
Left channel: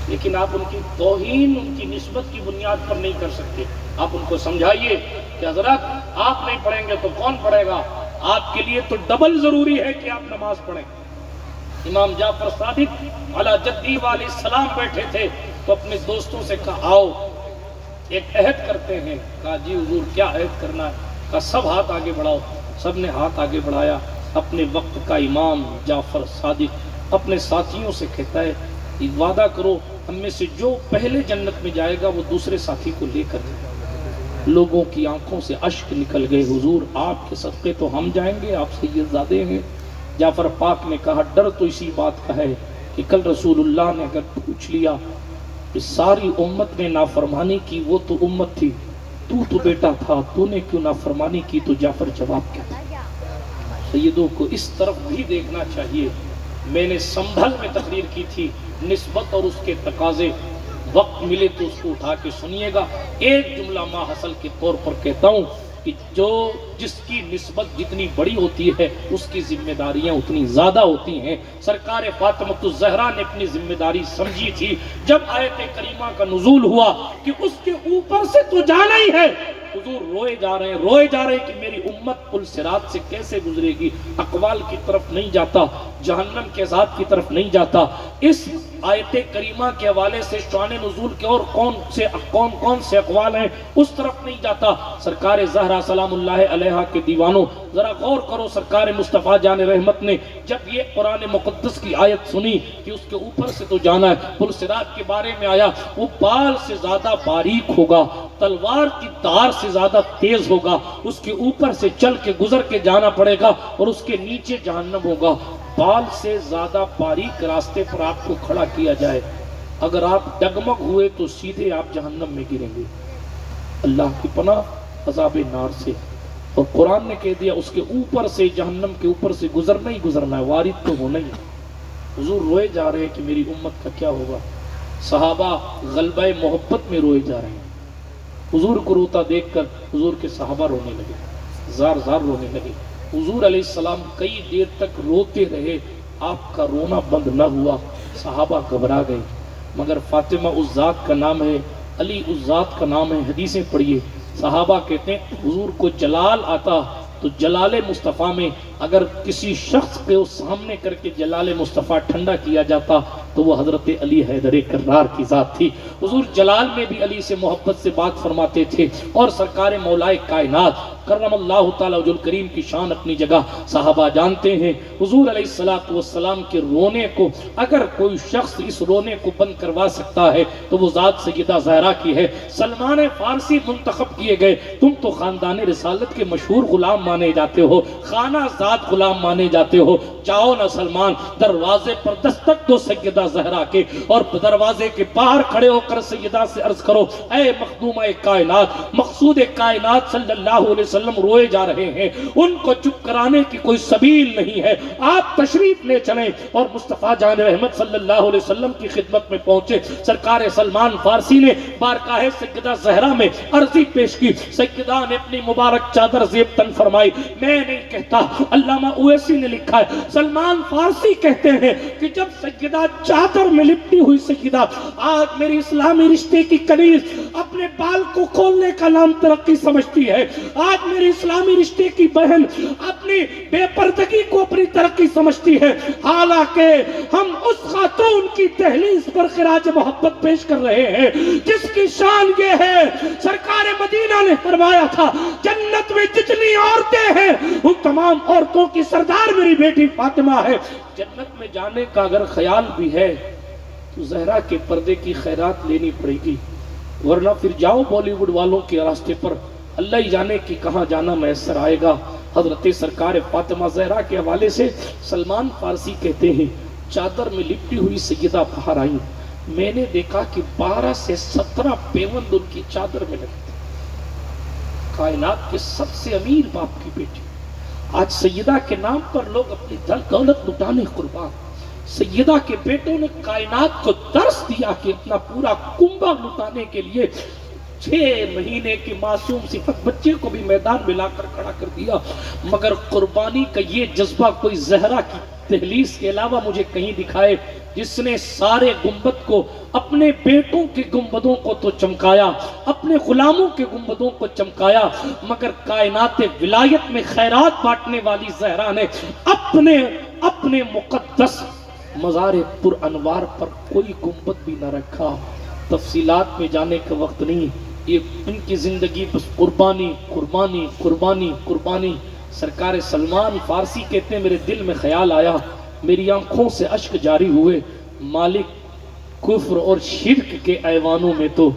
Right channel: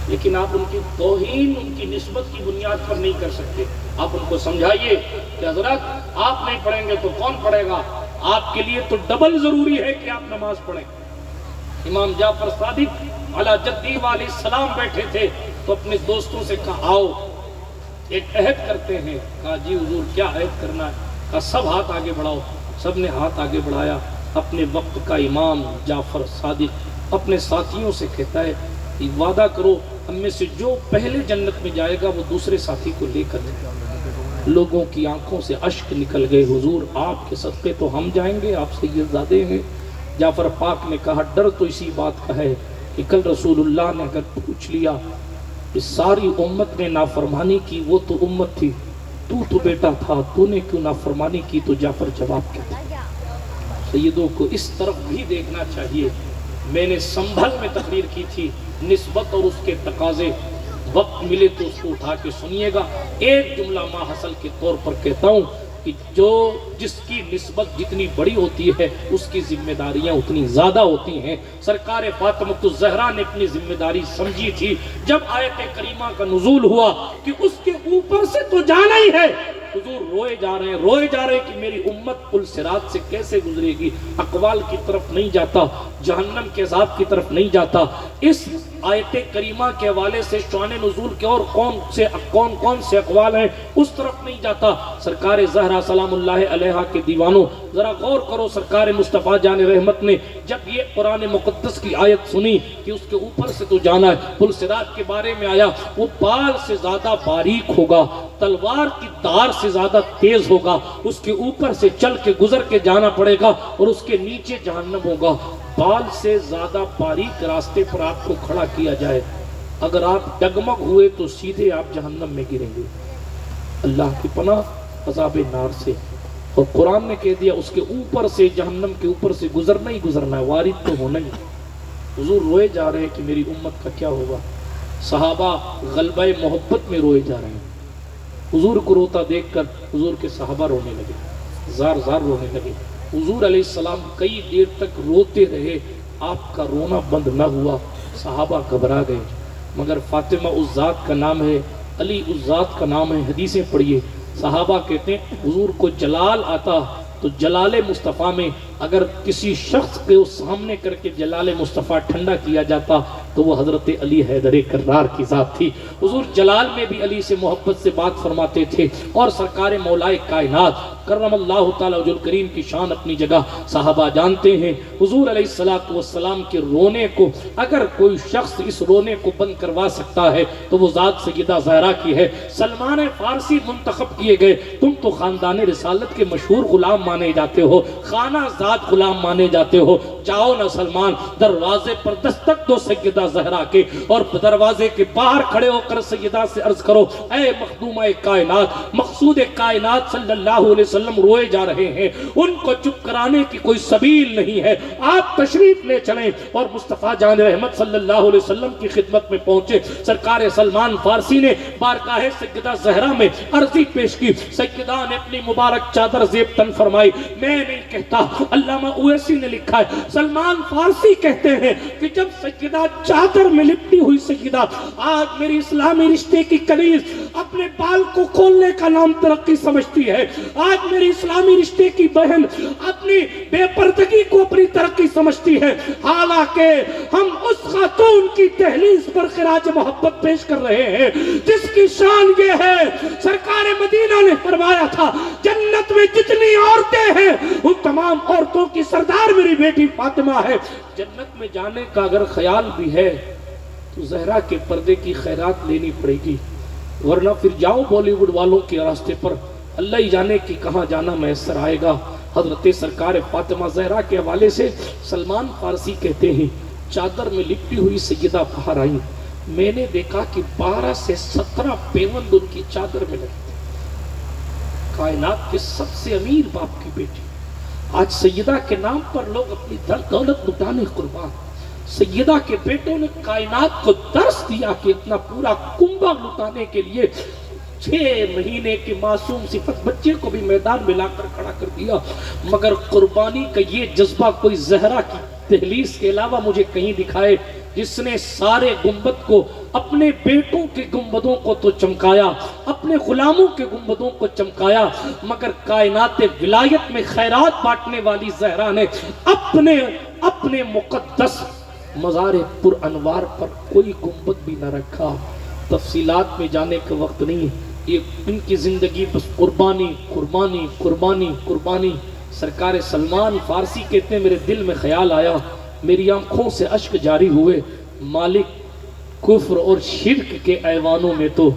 لیکن آپ ان کی توہین ان کی نسبت کی بنیاد پر نہیں کر سکتے۔ آپ ان کو سمجھائیے کہ حضرت آپ نہیں پڑھیں گے تو کون پڑھے گا؟ آپ کے لیے تو ڈبل ضروری ہے کہ آپ نماز پڑھیں۔ امام جعفر صادق علی جدی علیہ السلام بیٹھے تھے تو اپنے دوستوں سے کہا آؤ ایک عہد کرتے ہیں۔ کہا جی حضور کیا عہد کرنا ہے؟ کہا سب ہاتھ آگے بڑھاؤ۔ سب نے ہاتھ آگے بڑھایا۔ اپنے وقت کا امام جعفر صادق اپنے ساتھیوں سے کہتا ہے وعدہ کرو ہم میں سے جو پہلے جنت میں جائے گا وہ دوسرے ساتھی کو لے کر جائے گا۔ لوگوں کی آنکھوں سے اشک نکل گئے، حضور آپ کے صدقے تو ہم جائیں گے، آپ سید زادے ہیں۔ جعفر پاک نے کہا ڈر تو اسی بات کا ہے کہ کل رسول اللہ نے اگر پوچھ لیا کہ ساری امت نے نافرمانی کی، وہ تو امت تھی، تو بیٹا تھا، تو نے کیوں نافرمانی کی؟ تو جعفر جواب کیا تھا؟ سیدوں کو اس طرف بھی دیکھنا چاہیے۔ میں نے سنبھل میں تقریر کی تھی، نسبت اور اس کے تقاضے، وقت ملے تو اس کو اٹھا کے سنیے گا۔ ایک جملہ ماحصل کے طور پر کہتا ہوں کہ جس کی نسبت جتنی بڑی ہوتی ہے اس کی ذمہ داریاں اتنی زیادہ ہوتی ہیں۔ سرکار فاطمۃ الزہرا نے اپنی ذمہ داری سمجھی تھی۔ جب آیت کریمہ کا نزول ہوا کہ اس کے اوپر سے تو جانا ہی ہے، حضور روئے جا رہے ہیں کہ میری امت پل صراط سے کیسے گزرے گی، اقوال کی طرف نہیں جاتا، جہنم کے عذاب کی طرف نہیں جاتا۔ اس آیت کریمہ کے حوالے سے شان نزول کے اور کون سے اقوال ہیں اس طرف نہیں جاتا۔ سرکار زہرا سلام اللہ علیہا کے دیوانوں ذرا غور کرو، سرکار مصطفیٰ جان رحمت نے جب یہ قرآن مقدس کی آیت سنی کہ اس کے اوپر سے تو جانا ہے، پل صراط کے بارے میں آیا وہ بال سے زیادہ باریک ہوگا، تلوار کی دھار سے زیادہ تیز ہوگا، اس کے اوپر سے چل کے گزر کے جانا پڑے گا اور اس کے نیچے جہنم ہوگا۔ بال سے زیادہ باریک راستے پر آپ کو کھڑا کیا جائے، اگر آپ ڈگمگ ہوئے تو سیدھے آپ جہنم میں گریں گے، اللہ کی پناہ عذاب نار سے۔ اور قرآن نے کہہ دیا اس کے اوپر سے، جہنم کے اوپر سے گزرنا ہی گزرنا ہے، وارد تو ہونا ہی۔ حضور روئے جا رہے ہیں کہ میری امت کا کیا ہوگا۔ صحابہ غلبہ محبت میں روئے جا رہے ہیں۔ حضور کو روتا دیکھ کر حضور کے صحابہ رونے لگے، زار زار رونے لگے۔ حضور علیہ السلام کئی دیر تک روتے رہے، آپ کا رونا بند نہ ہوا، صحابہ گھبرا گئے۔ مگر فاطمہ اس ذات کا نام ہے، علی اس ذات کا نام ہے، حدیثیں پڑھیے۔ صحابہ کہتے ہیں حضور کو جلال آتا تو جلال مصطفیٰ میں اگر کسی شخص کو سامنے کر کے جلال مصطفیٰ ٹھنڈا کیا جاتا تو وہ حضرت علی حیدر کرار کی ذات تھی۔ حضور جلال میں بھی علی سے محبت سے بات فرماتے تھے، اور سرکار مولا کائنات کرم اللہ تعالی وجہ الکریم کی شان اپنی جگہ۔ صحابہ جانتے ہیں حضور علیہ السلام کے رونے کو اگر کوئی شخص اس رونے کو بند کروا سکتا ہے تو وہ ذات سیدہ زہرا کی ہے۔ سلمان فارسی منتخب کیے گئے، تم تو خاندان رسالت کے مشہور غلام مانے جاتے ہو، خانہ آزاد غلام مانے جاتے ہو، جاؤ نا سلمان، دروازے پر دستک دو سیدہ زہرا کے، اور دروازے کے باہر کھڑے ہو کر سیدہ سے عرض کرو اے مخدومہ کائنات، مقصود کائنات صلی اللہ علیہ وسلم روئے جا رہے ہیں، ان کو چپ کرانے کی کوئی سبیل نہیں ہے، آپ تشریف لے چلیں۔ اور مصطفیٰ جان احمد صلی اللہ علیہ وسلم کی خدمت میں پہنچے، سرکار سلمان فارسی نے بارگاہ سیدہ زہرا میں عرضی پیش کی، سیدہ نے اپنی مبارک چادر زیب تن فرمائی۔ میں نہیں کہتا، علامہ اویسی نے لکھا ہے، سلمان فارسی کہتے ہیں کہ جب سیدہ چادر میں لپٹی ہوئی سیدہ آج میری اسلامی رشتے کی کنیز اپنے بال کو کھولنے کا نام ترقی سمجھتی ہے، آج میری اسلامی رشتے کی بہن اپنی بے پردگی کو اپنی ترقی سمجھتی ہے، حالانکہ ہم اس خاتون کی دہلیز پر خراج محبت پیش کر رہے ہیں جس کی شان یہ ہے، سرکار مدینہ نے فرمایا تھا جنت میں جتنی عورتیں ہیں ان تمام عورتوں کی سردار میری بیٹی فاطمہ ہے۔ جنت میں جانے کا اگر خیال بھی ہے تو زہرا کے پردے کی خیرات لینی پڑے گی، ورنہ پھر جاؤ بالی ووڈ والوں کے راستے پر، اللہ ہی جانے کی کہاں جانا میسر آئے گا۔ حضرت سرکار فاطمہ زہرا کے حوالے سے سلمان فارسی کہتے ہیں چادر میں لپٹی ہوئی سیدہ باہر آئیں، میں نے دیکھا کہ 12 سے 17 پیوند ان کی چادر میں لگتے، کائنات کے سب سے امیر باپ کی بیٹی، آج سیدہ کے نام پر لوگ اپنی دولت لٹانے قربان، سیدہ کے بیٹوں نے کائنات کو درس دیا کہ اپنا پورا کنبہ لٹانے کے لیے 6 مہینے کے معصوم صفت بچے کو بھی میدان میں لا کر کھڑا کر دیا، مگر قربانی کا یہ جذبہ کوئی زہرا کی دہلیز کے علاوہ مجھے کہیں دکھائے جس نے سارے گنبد کو، اپنے بیٹوں کے گنبدوں کو تو چمکایا، اپنے غلاموں کے گنبدوں کو چمکایا، مگر کائنات ولایت میں خیرات بانٹنے والی زہرا نے اپنے مقدس مزار پر انوار پر کوئی گنبد بھی نہ رکھا۔ تفصیلات میں جانے کا وقت نہیں، یہ ان کی زندگی بس قربانی قربانی قربانی قربانی۔ سرکار سلمان فارسی کہتے ہیں میرے دل میں خیال آیا، میری آنکھوں سے اشک جاری ہوئے، مالک کفر اور شرک کے ایوانوں میں تو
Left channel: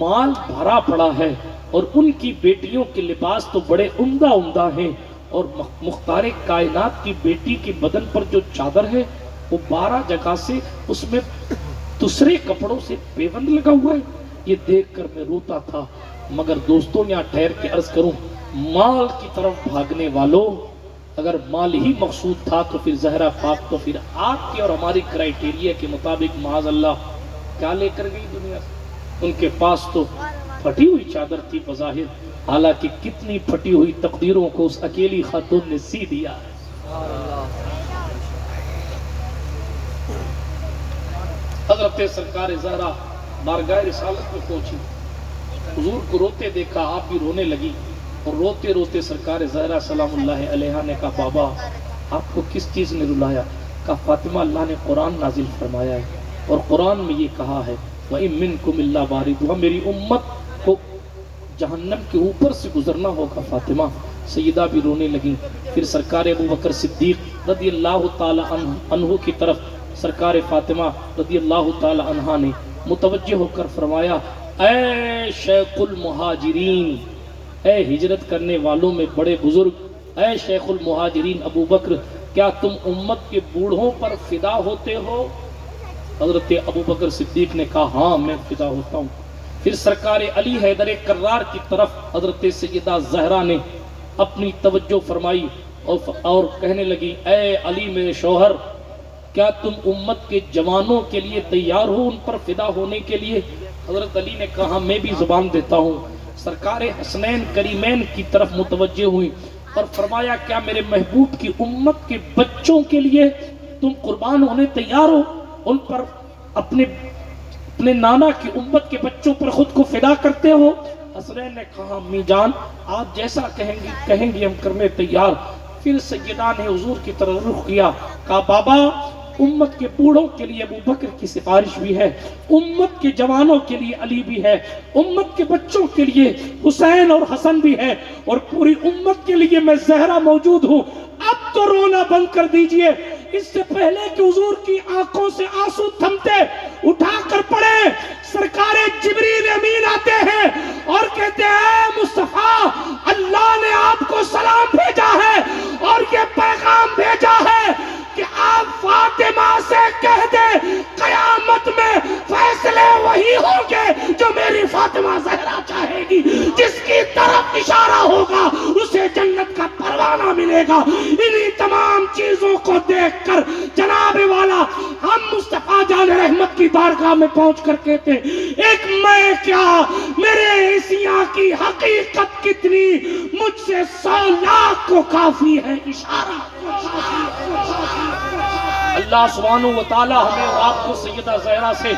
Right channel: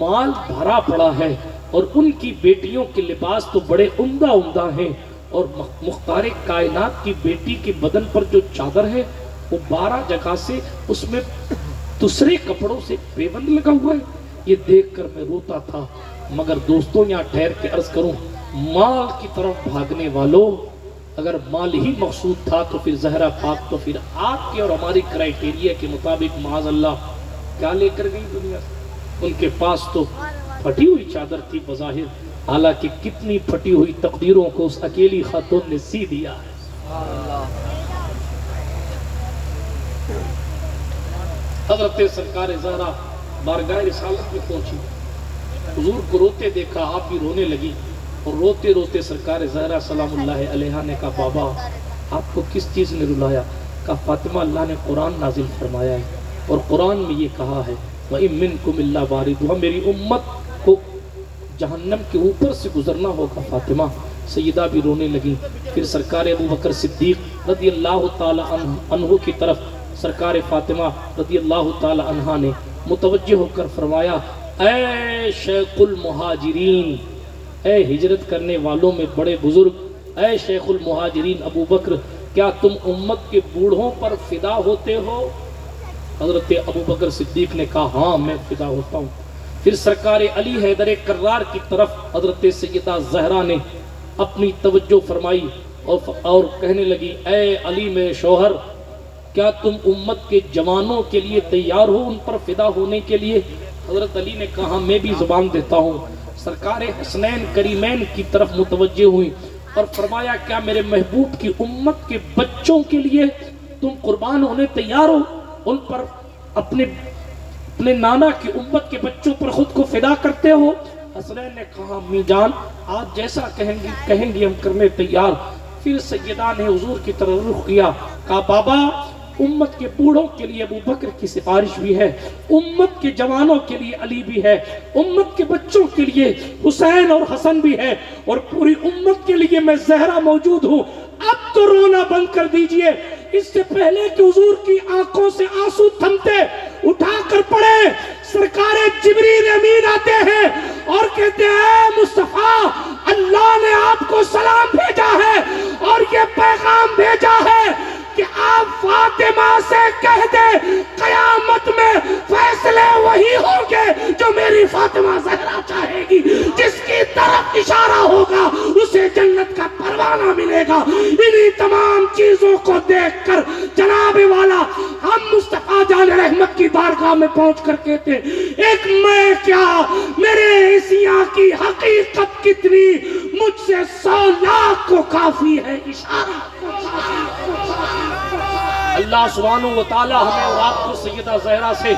مال بھرا پڑا ہے، اور ان کی بیٹیوں کے لباس تو بڑے عمدہ عمدہ ہیں، اور مختار کائنات کی بیٹی کے بدن پر جو چادر ہے وہ 12 جگہ سے اس میں دوسرے کپڑوں سے پیوند لگا ہوا ہے۔ یہ دیکھ کر میں روتا تھا، مگر دوستوں یہاں ٹھہر کے عرض کروں، مال کی طرف بھاگنے والوں، اگر مال ہی مقصود تھا تو پھر زہرا پاک تو پھر آپ کے اور ہماری کرائیٹیریا کے مطابق معاذ اللہ کیا لے کر گئی دنیا؟ ان کے پاس تو پھٹی ہوئی چادر تھی بظاہر، حالانکہ کتنی پھٹی ہوئی تقدیروں کو اس اکیلی خاتون نے سی دیا۔ حضرت سرکار زہرا بارگاہ رسالت میں پہنچی، حضور کو روتے دیکھا، آپ بھی رونے لگی، اور روتے روتے سرکار زہرا سلام اللہ علیہ نے کہا بابا آپ کو کس چیز نے رلایا؟ کہا فاطمہ اللہ نے قرآن نازل فرمایا ہے، اور قرآن میں یہ کہا ہے وَإِن مِّنكُمْ إِلَّا وَارِدُهَا، میری امت کو جہنم کے اوپر سے گزرنا ہوگا۔ فاطمہ سیدہ بھی رونے لگی، پھر سرکار ابوبکر صدیق رضی اللہ تعالی عنہ کی طرف سرکار فاطمہ رضی اللہ تعالی عنہ نے متوجہ ہو کر فرمایا اے شیخ المہاجرین، اے ہجرت کرنے والوں میں بڑے بزرگ، اے شیخ المہاجرین ابو بکر، کیا تم امت کے بوڑھوں پر فدا ہوتے ہو؟ حضرت ابو بکر صدیق نے کہا ہاں میں فدا ہوتا ہوں۔ پھر سرکار علی حیدر کرار کی طرف حضرت سیدہ زہرا نے اپنی توجہ فرمائی اور کہنے لگی اے علی میرے شوہر، کیا تم امت کے جوانوں کے لیے تیار ہو ان پر فدا ہونے کے لیے؟ حضرت علی نے کہا میں بھی زبان دیتا ہوں۔ سرکار حسنین کریمین کی طرف متوجہ ہوئی اور فرمایا کیا میرے محبوب کی امت کے بچوں کے لیے تم قربان ہونے تیار ہو؟ ان پر اپنے نانا کی امت کے بچوں پر خود کو فدا کرتے ہو؟ حسنین نے کہا امی جان آپ جیسا کہیں گی ہم کرنے تیار۔ پھر سیدہ نے حضور کی طرف رخ کیا، کہا بابا امت کے بوڑھوں کے لیے ابو بکر کی سفارش بھی ہے، امت کے جوانوں کے لیے علی بھی ہے، امت کے بچوں کے لیے حسین اور حسن بھی ہے، اور پوری امت کے لیے میں زہرا موجود ہوں۔ اب تو رونا بند کر دیجئے، اس سے پہلے کہ حضور کی آنکھوں سے آنسو تھمتے اٹھا کر پڑے سرکار جبریل امین آتے ہیں اور کہتے ہیں مصطفیٰ اللہ نے آپ کو سلام بھیجا ہے اور یہ پیغام جس کی طرف اشارہ ہوگا اسے جنت کا پروانہ ملے گا۔ انہی تمام چیزوں کو دیکھ کر جناب والا ہم مصطفیٰ جان رحمت کی بارگاہ میں پہنچ کر کہتے ایک میں کیا میرے عیسیٰ کی حقیقت کتنی، مجھ سے 100 لاکھ کو کافی ہے اشارہ۔ اللہ سبحانہ و تعالی ہمیں اور آپ کو سیدہ زہرا سے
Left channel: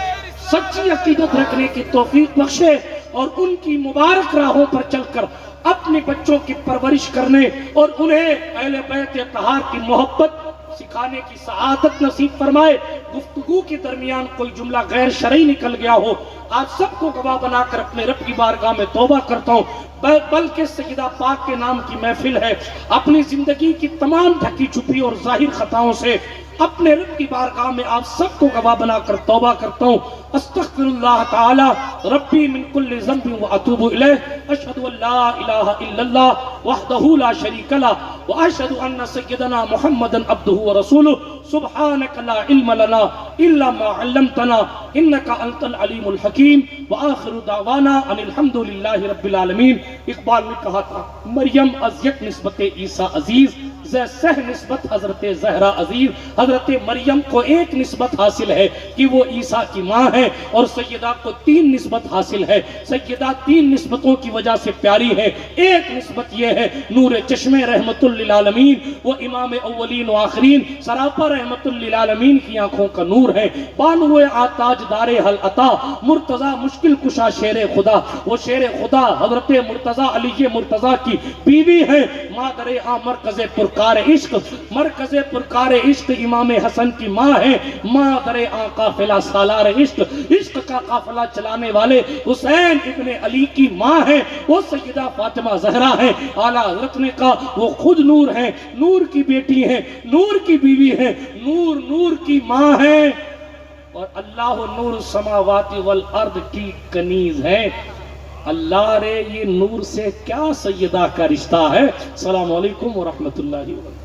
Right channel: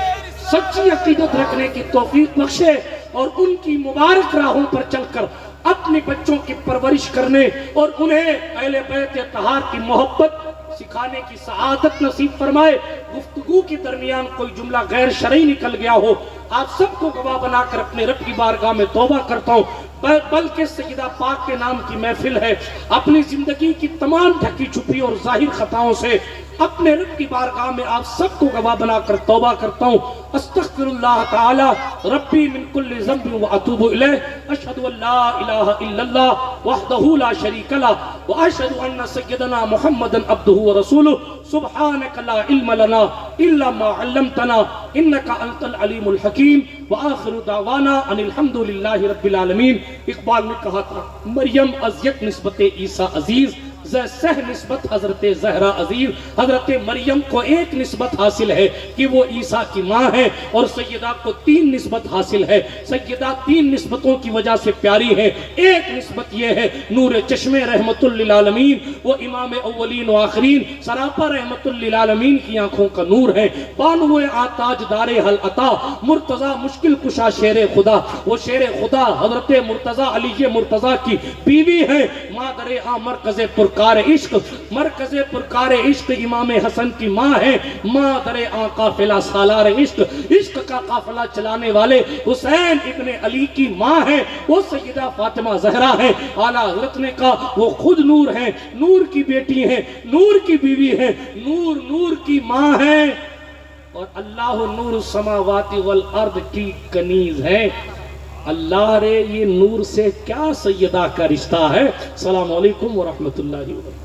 سچی عقیدت رکھنے کی توفیق بخشے اور ان کی مبارک راہوں پر چل کر اپنے بچوں کی پرورش کرنے اور انہیں اہل بیت طہار کی محبت سکھانے کی سعادت نصیب فرمائے۔ گفتگو کے درمیان کوئی جملہ غیر شرعی نکل گیا ہو، آپ سب کو گواہ بنا کر اپنے رب کی بارگاہ میں توبہ کرتا ہوں، بلکہ سیدہ پاک کے نام کی محفل ہے، اپنی زندگی کی تمام ڈھکی چھپی اور ظاہر خطاؤں سے اپنے رب کی بارگاہ میں آپ سب کو گواہ بنا کر توبہ کرتا ہوں۔ استغفر اللہ تعالی ربی من کل ذنب واتوب الیہ، اشہد ان لا الہ الا اللہ وحدہ لا شریک لہ واشہد ان سیدنا محمد عبدہ ورسولہ، سبحانک لا علم لنا الا ما علمتنا انک انت العلیم الحکیم، وآخر دعوانا ان الحمد للہ رب العالمین۔ اقبال نے کہا تھا مریم از یک نسبت عیسیٰ عزیز، سہ نسبت حضرت زہرا عزیز۔ حضرت مریم کو ایک نسبت حاصل ہے کہ وہ عیسیٰ کی ماں ہے، اور سیدہ کو 3 نسبت حاصل ہے۔ سیدہ 3 نسبتوں کی وجہ سے پیاری ہے۔ ایک نسبت یہ ہے نور چشم رحمت للعالمین، وہ امام اولین و آخرین سراپا رحمت للعالمین کی آنکھوں کا نور ہے۔ بانو آتاج دار حل عطا، مرتضی مشکل کشا شیر خدا، وہ شیر خدا حضرت مرتضی علی مرتضی کی بیوی ہے۔ مادر مرکز پرکار عشق، مرکز پرکار عشق امام حسن کی ماں ہے۔ مادر قافلہ سالار عشق، عشق کا قافلہ چلانے والے حسین ابن علی کی ماں ہے۔ وہ سیدہ فاطمہ زہرا ہے۔ اعلیٰ حضرت نے کہا وہ خود نور ہے، نور کی بیٹی ہے، نور کی بیوی ہے، نور نور کی ماں ہے، اور اللہ نور السماوات والارض کی کنیز ہے۔ اللہ رے یہ نور سے کیا سیدہ کا رشتہ ہے۔ السلام علیکم ورحمۃ اللہ وبرکاتہ۔